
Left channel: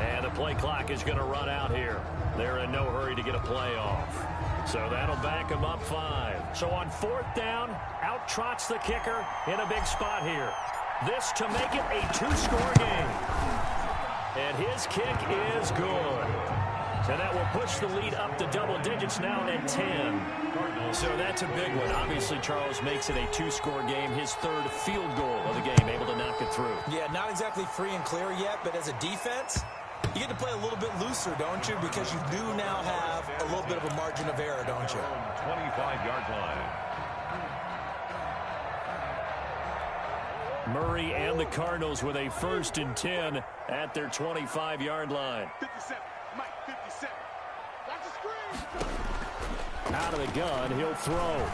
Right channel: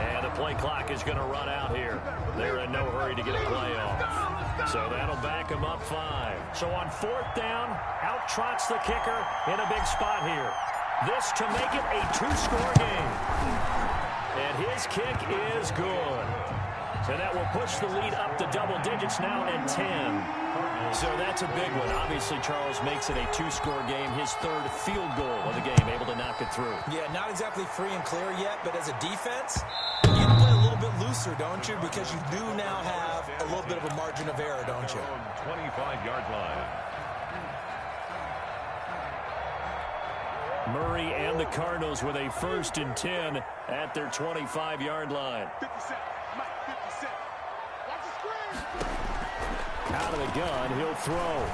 And the play clock is going to run out here. They're in no hurry to get a play off. So that'll back him up 5. So on 4th down, out trots the kicker in a big spot here. This to make it a 2-score game. And his kick is good. And that will push the lead up to double digits now at 10. So that's a big one. Obviously, Charles makes it a 2-score game. His 3rd field goal of the game, able to knock it through. Yeah, not exactly free and clear yet, but as a defense, you have to play a little bit looser, don't you? Because you do now have a little bit of a margin of error, don't you? 25-yard line. Murray and the Cardinals with a 1st and 10 at their 25-yard line. 57. Mike, 57. Watch the screen. Out of the gun, he'll throw.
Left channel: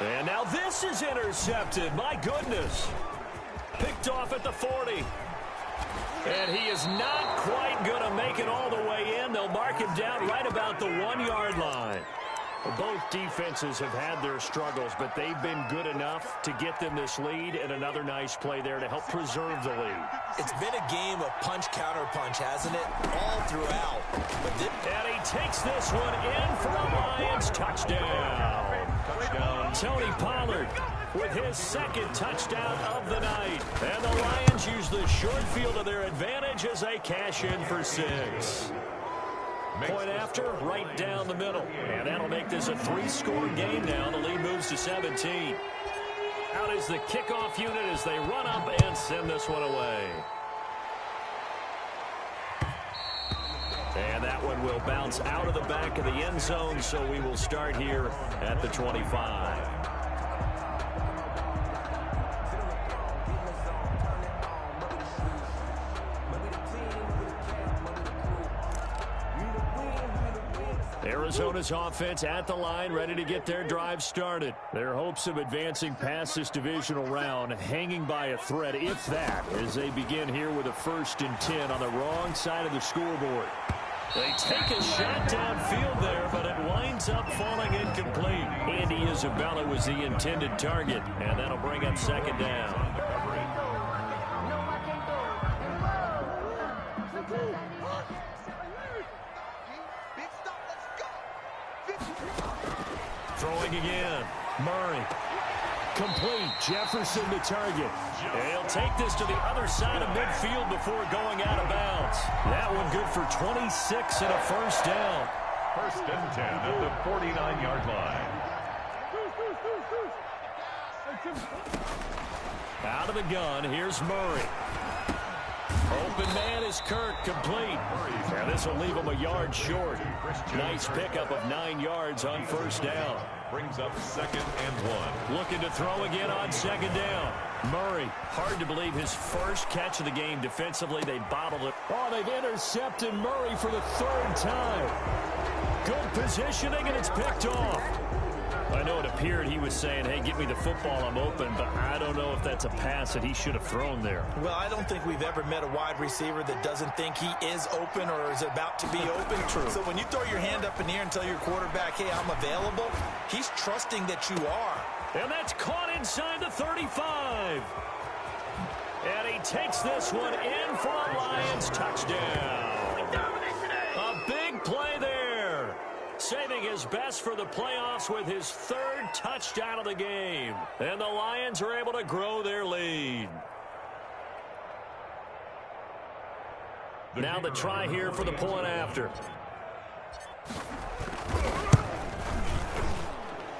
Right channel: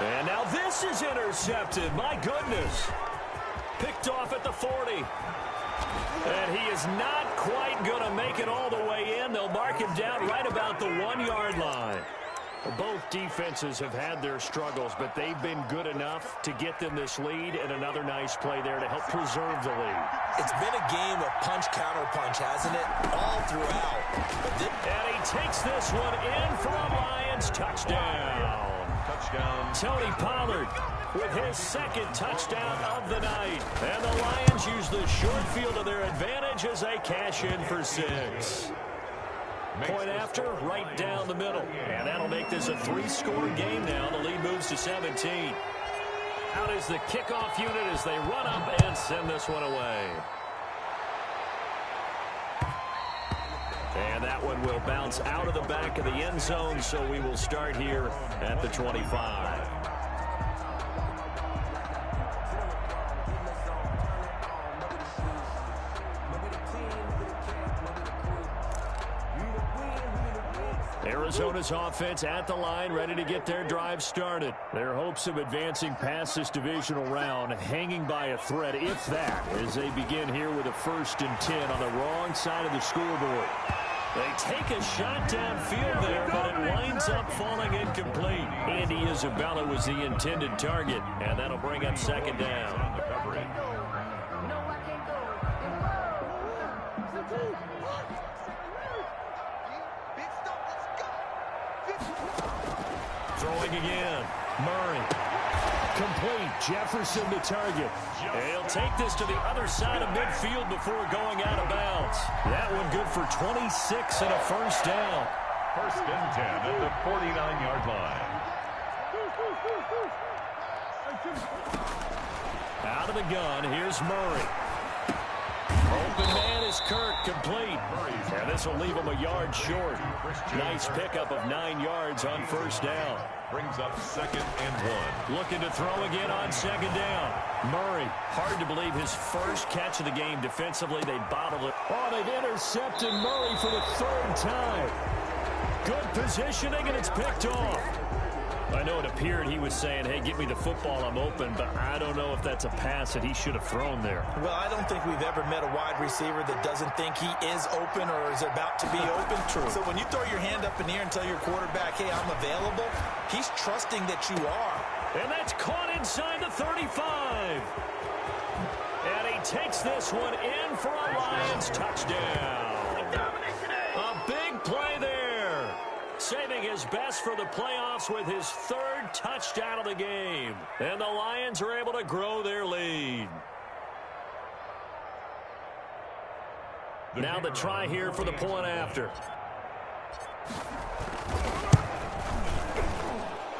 And now this is intercepted. My goodness. Picked off at the 40. And he is not quite going to make it all the way in. They'll mark him down right about the 1-yard line. Both defenses have had their struggles, but they've been good enough to get them this lead, and another nice play there to help preserve the lead. It's been a game of punch-counter-punch, hasn't it? All throughout. And he takes this one in for a Lions touchdown. Tony Pollard with his 2nd touchdown of the night. And the Lions use the short field to their advantage as they cash in for 6. Point after, right down the middle. And that'll make this a 3-score game now. The lead moves to 17. Out is the kickoff unit as they run up and send this one away. And that one will bounce out of the back of the end zone, so we will start here at the 25. Arizona's offense at the line, ready to get their drive started. Their hopes of advancing past this divisional round hanging by a thread, if that, as they begin here with a 1st and 10 on the wrong side of the scoreboard. They take a shot downfield there, but it winds up falling incomplete. Andy Isabella was the intended target, and that'll bring up 2nd down. Throwing again, Murray. Complete. Jefferson to target. And he'll take this to the other side of midfield before going out of bounds. That one good for 26 and a first down. First and 10 at the 49-yard line. Out of the gun, here's Murray. Open man is Kirk, complete. And this will leave him a yard short. Nice pickup of 9 yards on first down. Brings up 2nd and 1. Looking to throw again on 2nd down. Murray, hard to believe his first catch of the game defensively. They bottled it. Oh, they've intercepted Murray for the 3rd time. Good positioning, and it's picked off. I know it appeared he was saying, hey, give me the football, I'm open, but I don't know if that's a pass that he should have thrown there. Well, I don't think we've ever met a wide receiver that doesn't think he is open or is about to be open. True. So when you throw your hand up in the air and tell your quarterback, hey, I'm available, he's trusting that you are. And that's caught inside the 35. And he takes this one in for a Lions touchdown. A big play there. Saving his best for the playoffs with his 3rd touchdown of the game. And the Lions are able to grow their lead. Now the try here for the point after.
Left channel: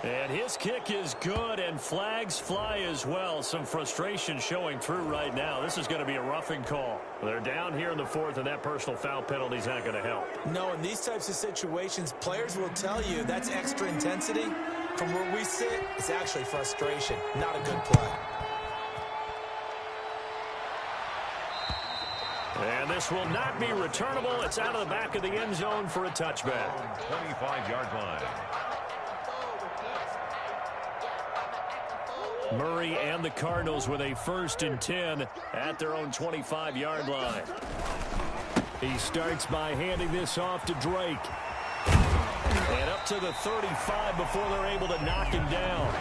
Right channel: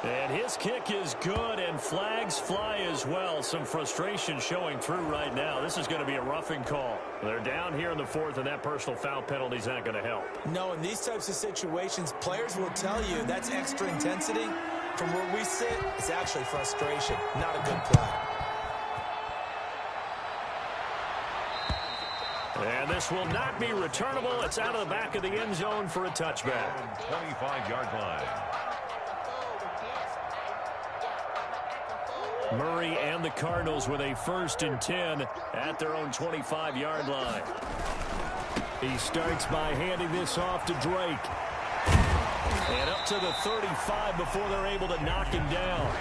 And his kick is good, and flags fly as well. Some frustration showing through right now. This is going to be a roughing call. They're down here in the 4th, and that personal foul penalty is not going to help. No, in these types of situations, players will tell you that's extra intensity. From where we sit, it's actually frustration, not a good play. And this will not be returnable. It's out of the back of the end zone for a touchback. 25-yard line. Murray and the Cardinals with a 1st and 10 at their own 25-yard line. He starts by handing this off to Drake. And up to the 35 before they're able to knock him down.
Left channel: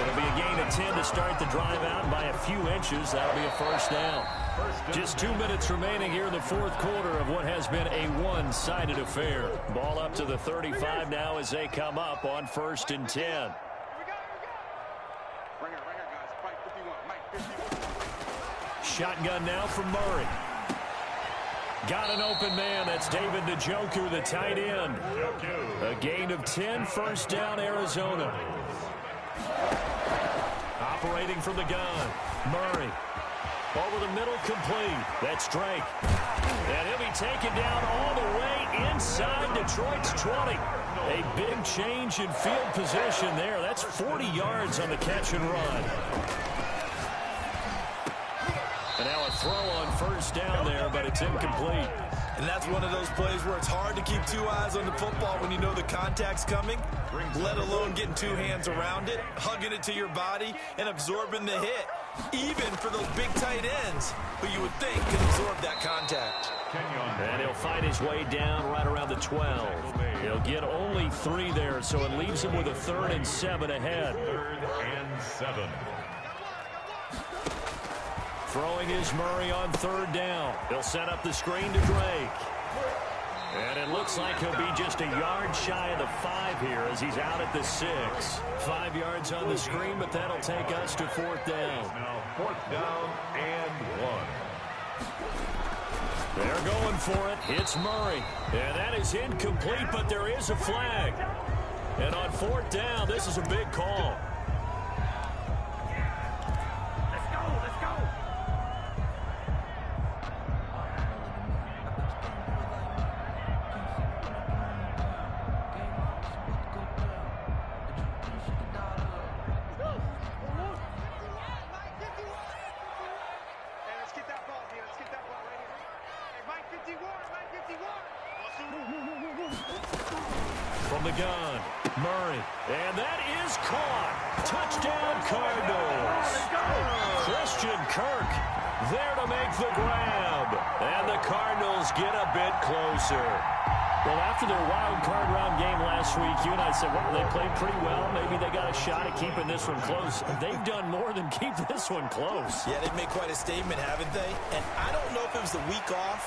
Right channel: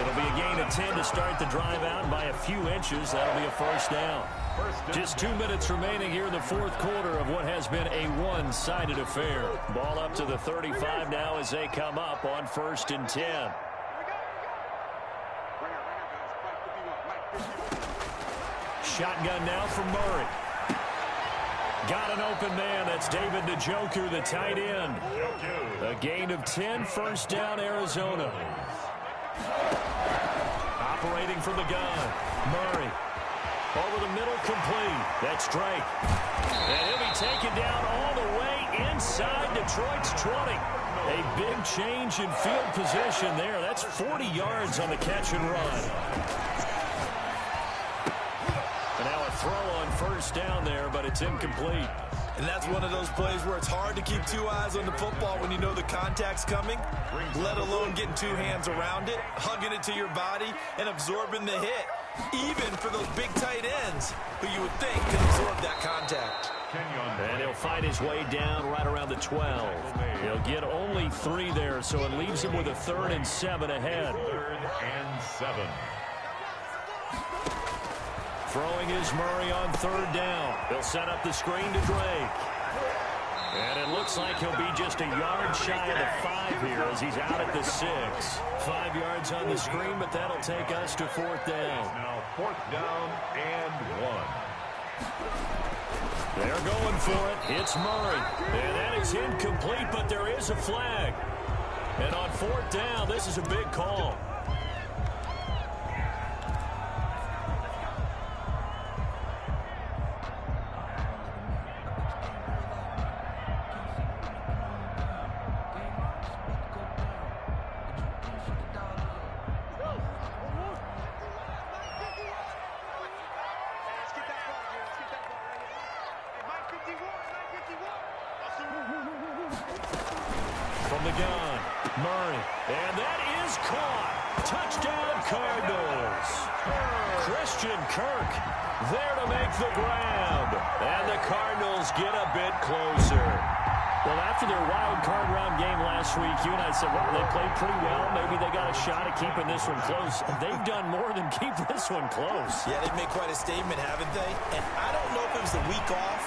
It'll be a gain of 10 to start the drive out, and by a few inches, that'll be a first down. Just 2 minutes remaining here in the 4th quarter of what has been a one-sided affair. Ball up to the 35 now as they come up on 1st and 10. Shotgun now from Murray. Got an open man. That's David Njoku, the tight end. A gain of 10, first down, Arizona. Operating from the gun. Murray. Over the middle, complete. That's Drake. And he'll be taken down all the way inside Detroit's 20. A big change in field position there. That's 40 yards on the catch and run. And now a throw on first down there, but it's incomplete. And that's one of those plays where it's hard to keep 2 eyes on the football when you know the contact's coming, let alone getting 2 hands around it, hugging it to your body, and absorbing the hit, even for those big tight ends who you would think can absorb that contact. And he'll find his way down right around the 12. He'll get only 3 there, so it leaves him with a 3rd and 7 ahead. 3rd and 7. Throwing is Murray on 3rd down. He'll set up the screen to Drake. And it looks like he'll be just a yard shy of the 5 here as he's out at the 6. 5 yards on the screen, but that'll take us to 4th down. Now 4th down and 1. They're going for it. It's Murray. And that is incomplete, but there is a flag. And on 4th down, this is a big call. From the gun, Murray. And that is caught. Touchdown, Cardinals. Christian Kirk there to make the grab. And the Cardinals get a bit closer. Well, after their wild card round game last week, you and I said, well, they played pretty well. Maybe they got a shot at keeping this one close. They've done more than keep this one close. Yeah, they've made quite a statement, haven't they? And I don't know if it was the week off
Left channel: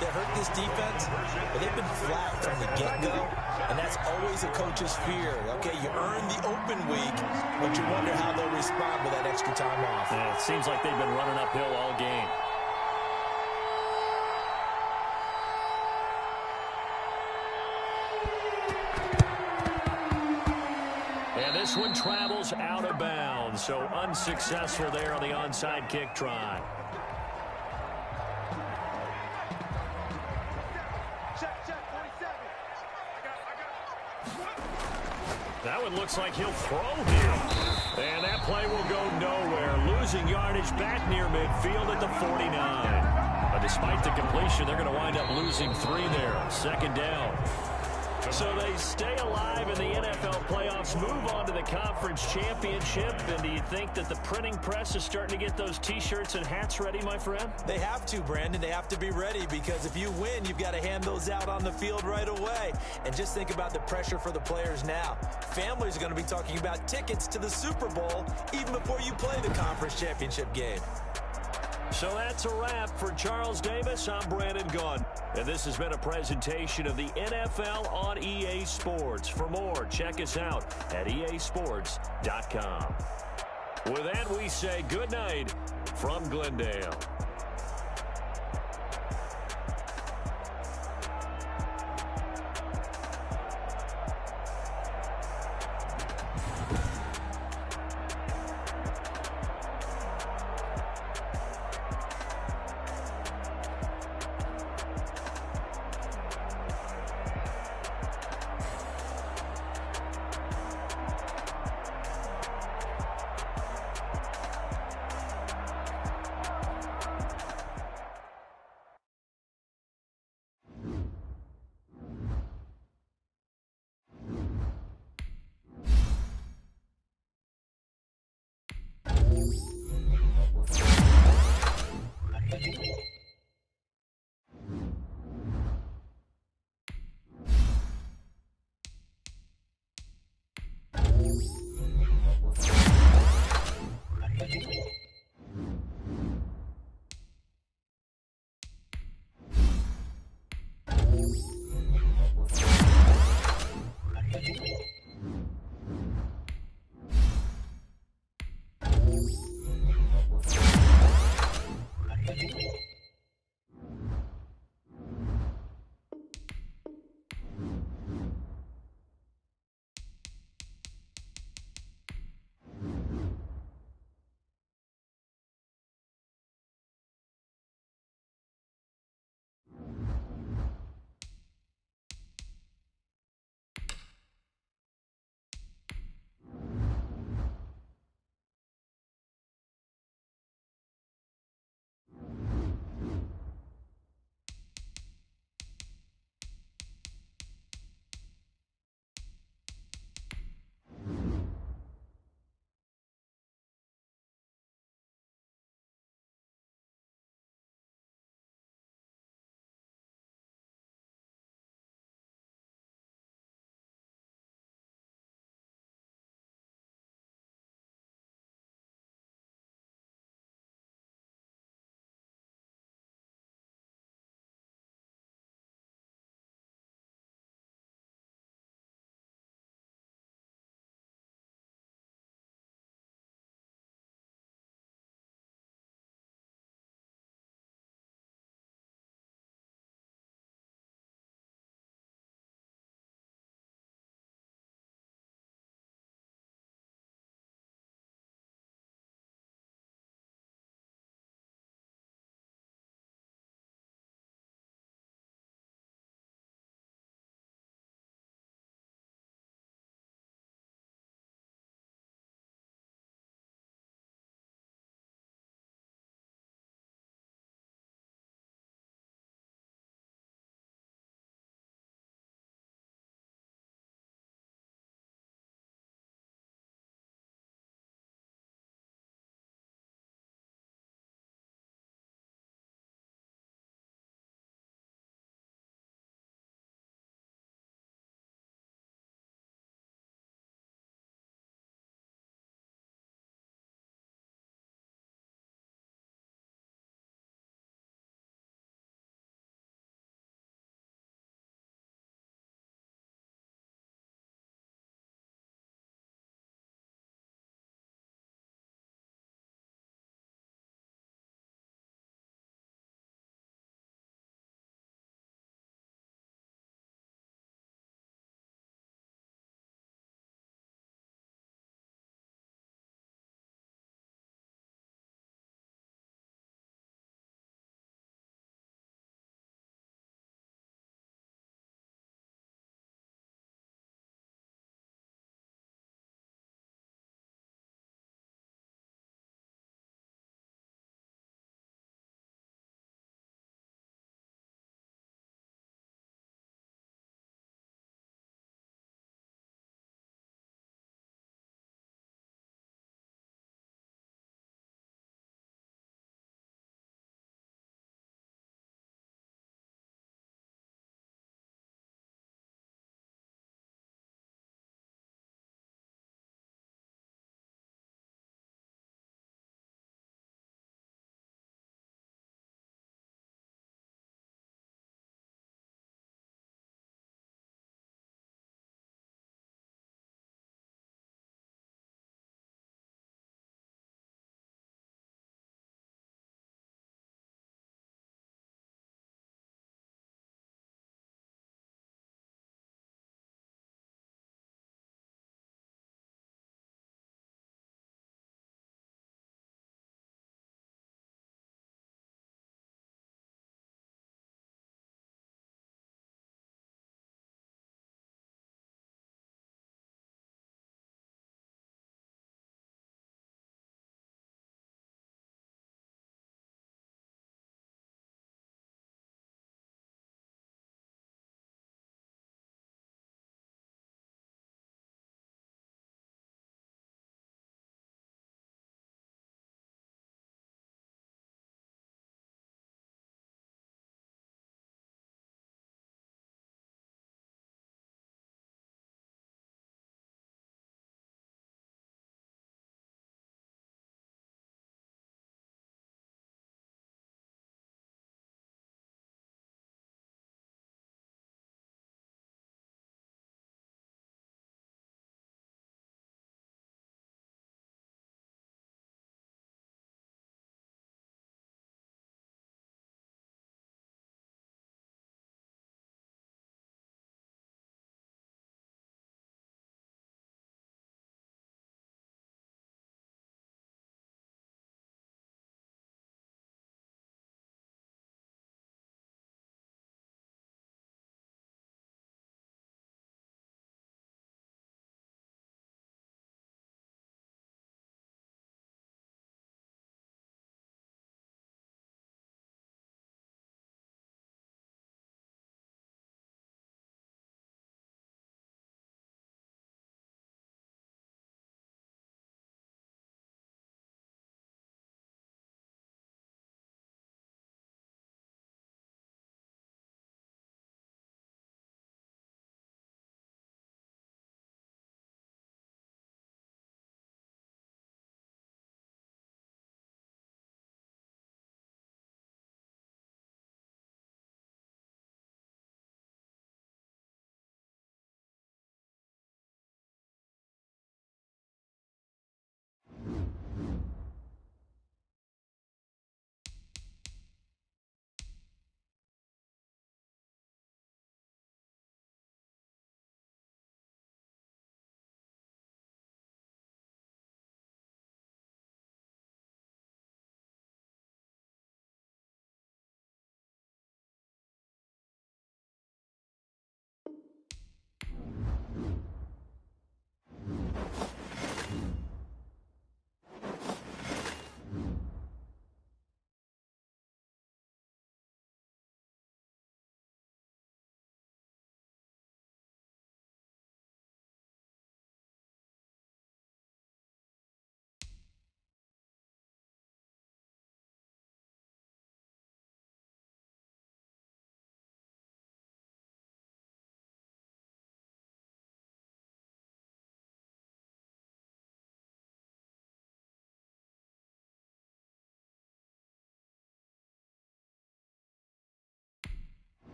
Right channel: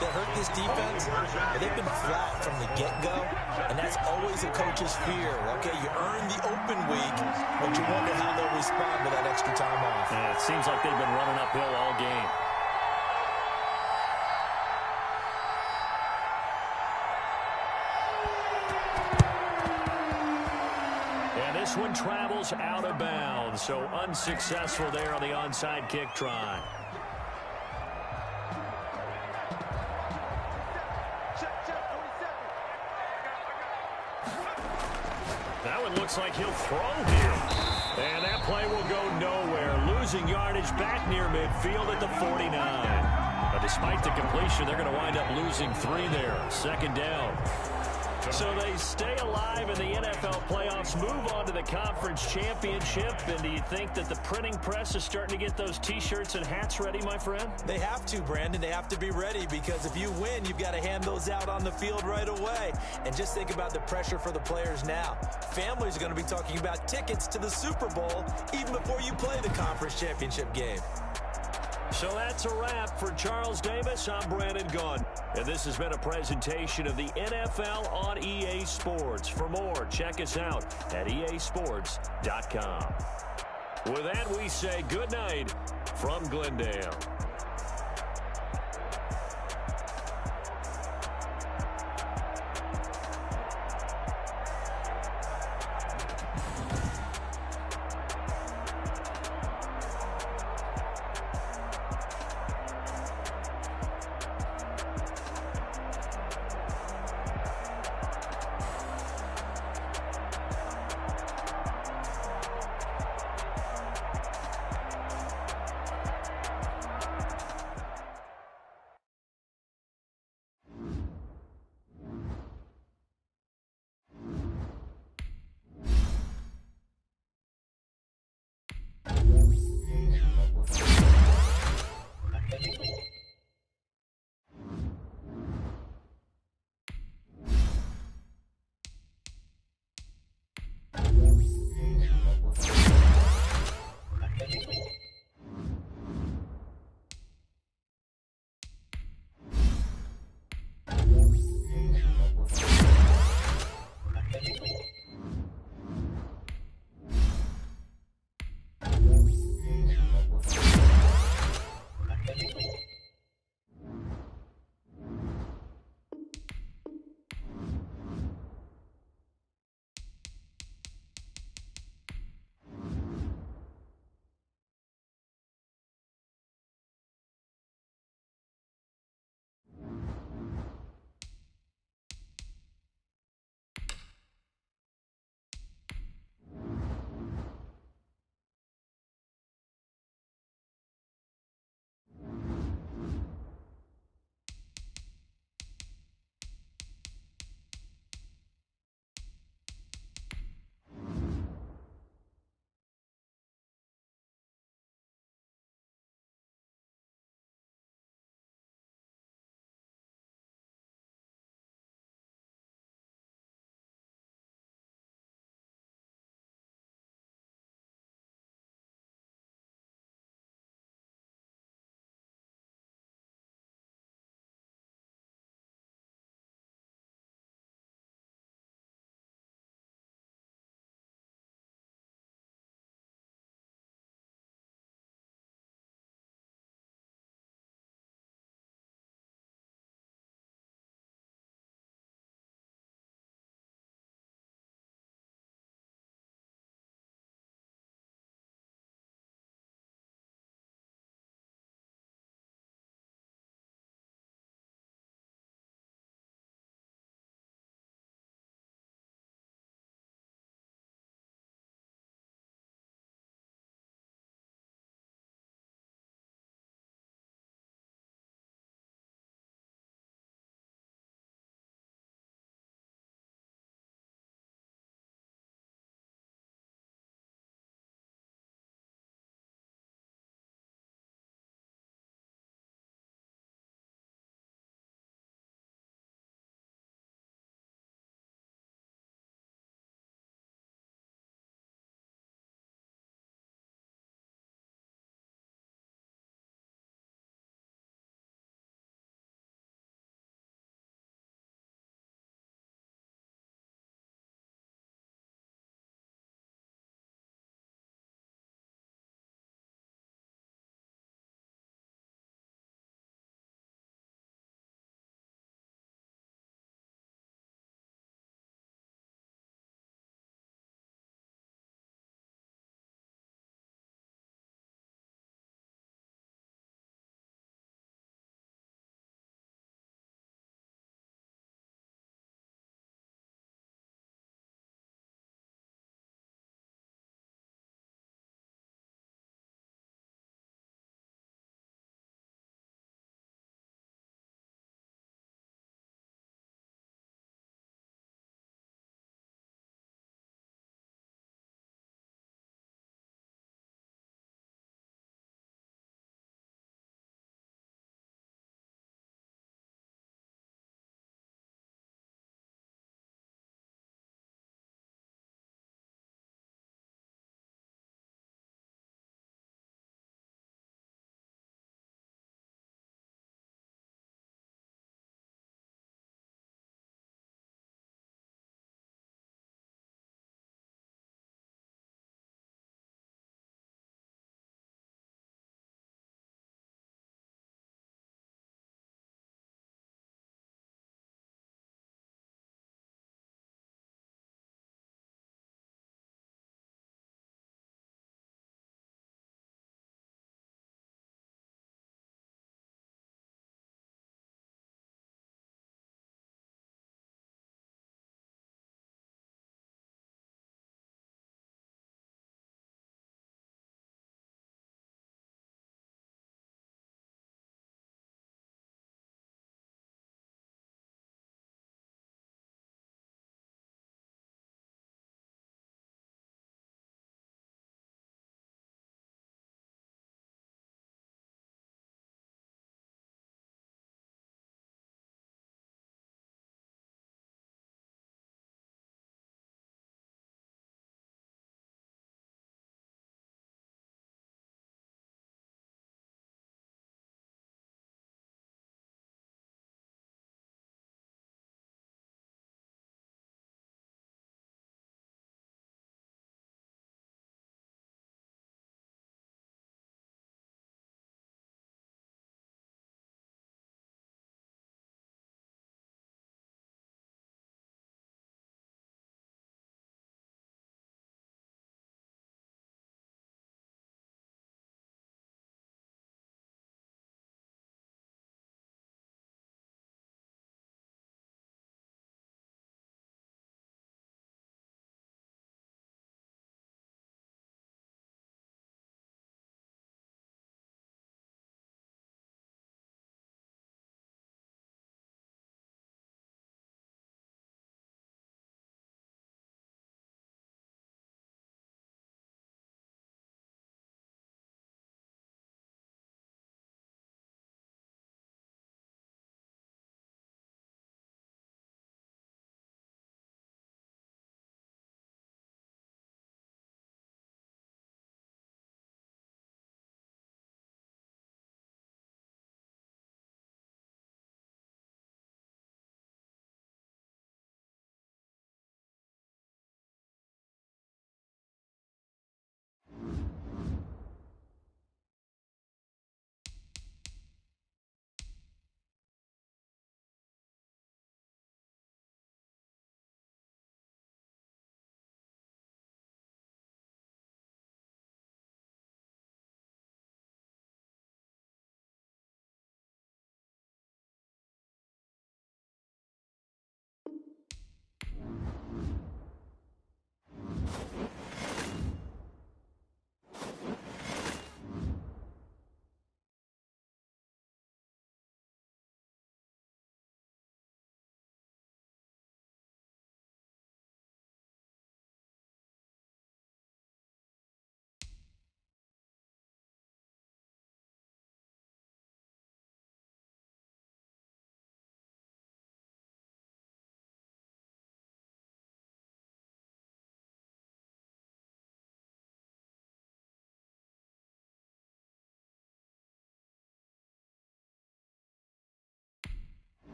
that hurt this defense? Well, they've been flat from the get-go, and that's always a coach's fear. Okay, you earn the open week, but you wonder how they'll respond with that extra time off. Yeah, it seems like they've been running uphill all game. And this one travels out of bounds, so unsuccessful there on the onside kick try. That one looks like he'll throw here. And that play will go nowhere. Losing yardage back near midfield at the 49. But despite the completion, they're going to wind up losing 3 there. Second down. So they stay alive in the NFL playoffs, move on to the conference championship. And do you think that the printing press is starting to get those T-shirts and hats ready, my friend? They have to, Brandon. They have to be ready because if you win, you've got to hand those out on the field right away. And just think about the pressure for the players now. Families are going to be talking about tickets to the Super Bowl even before you play the conference championship game. So that's a wrap for Charles Davis. I'm Brandon Gaudin. And this has been a presentation of the NFL on EA Sports. For more, check us out at easports.com. With that, we say good night from Glendale.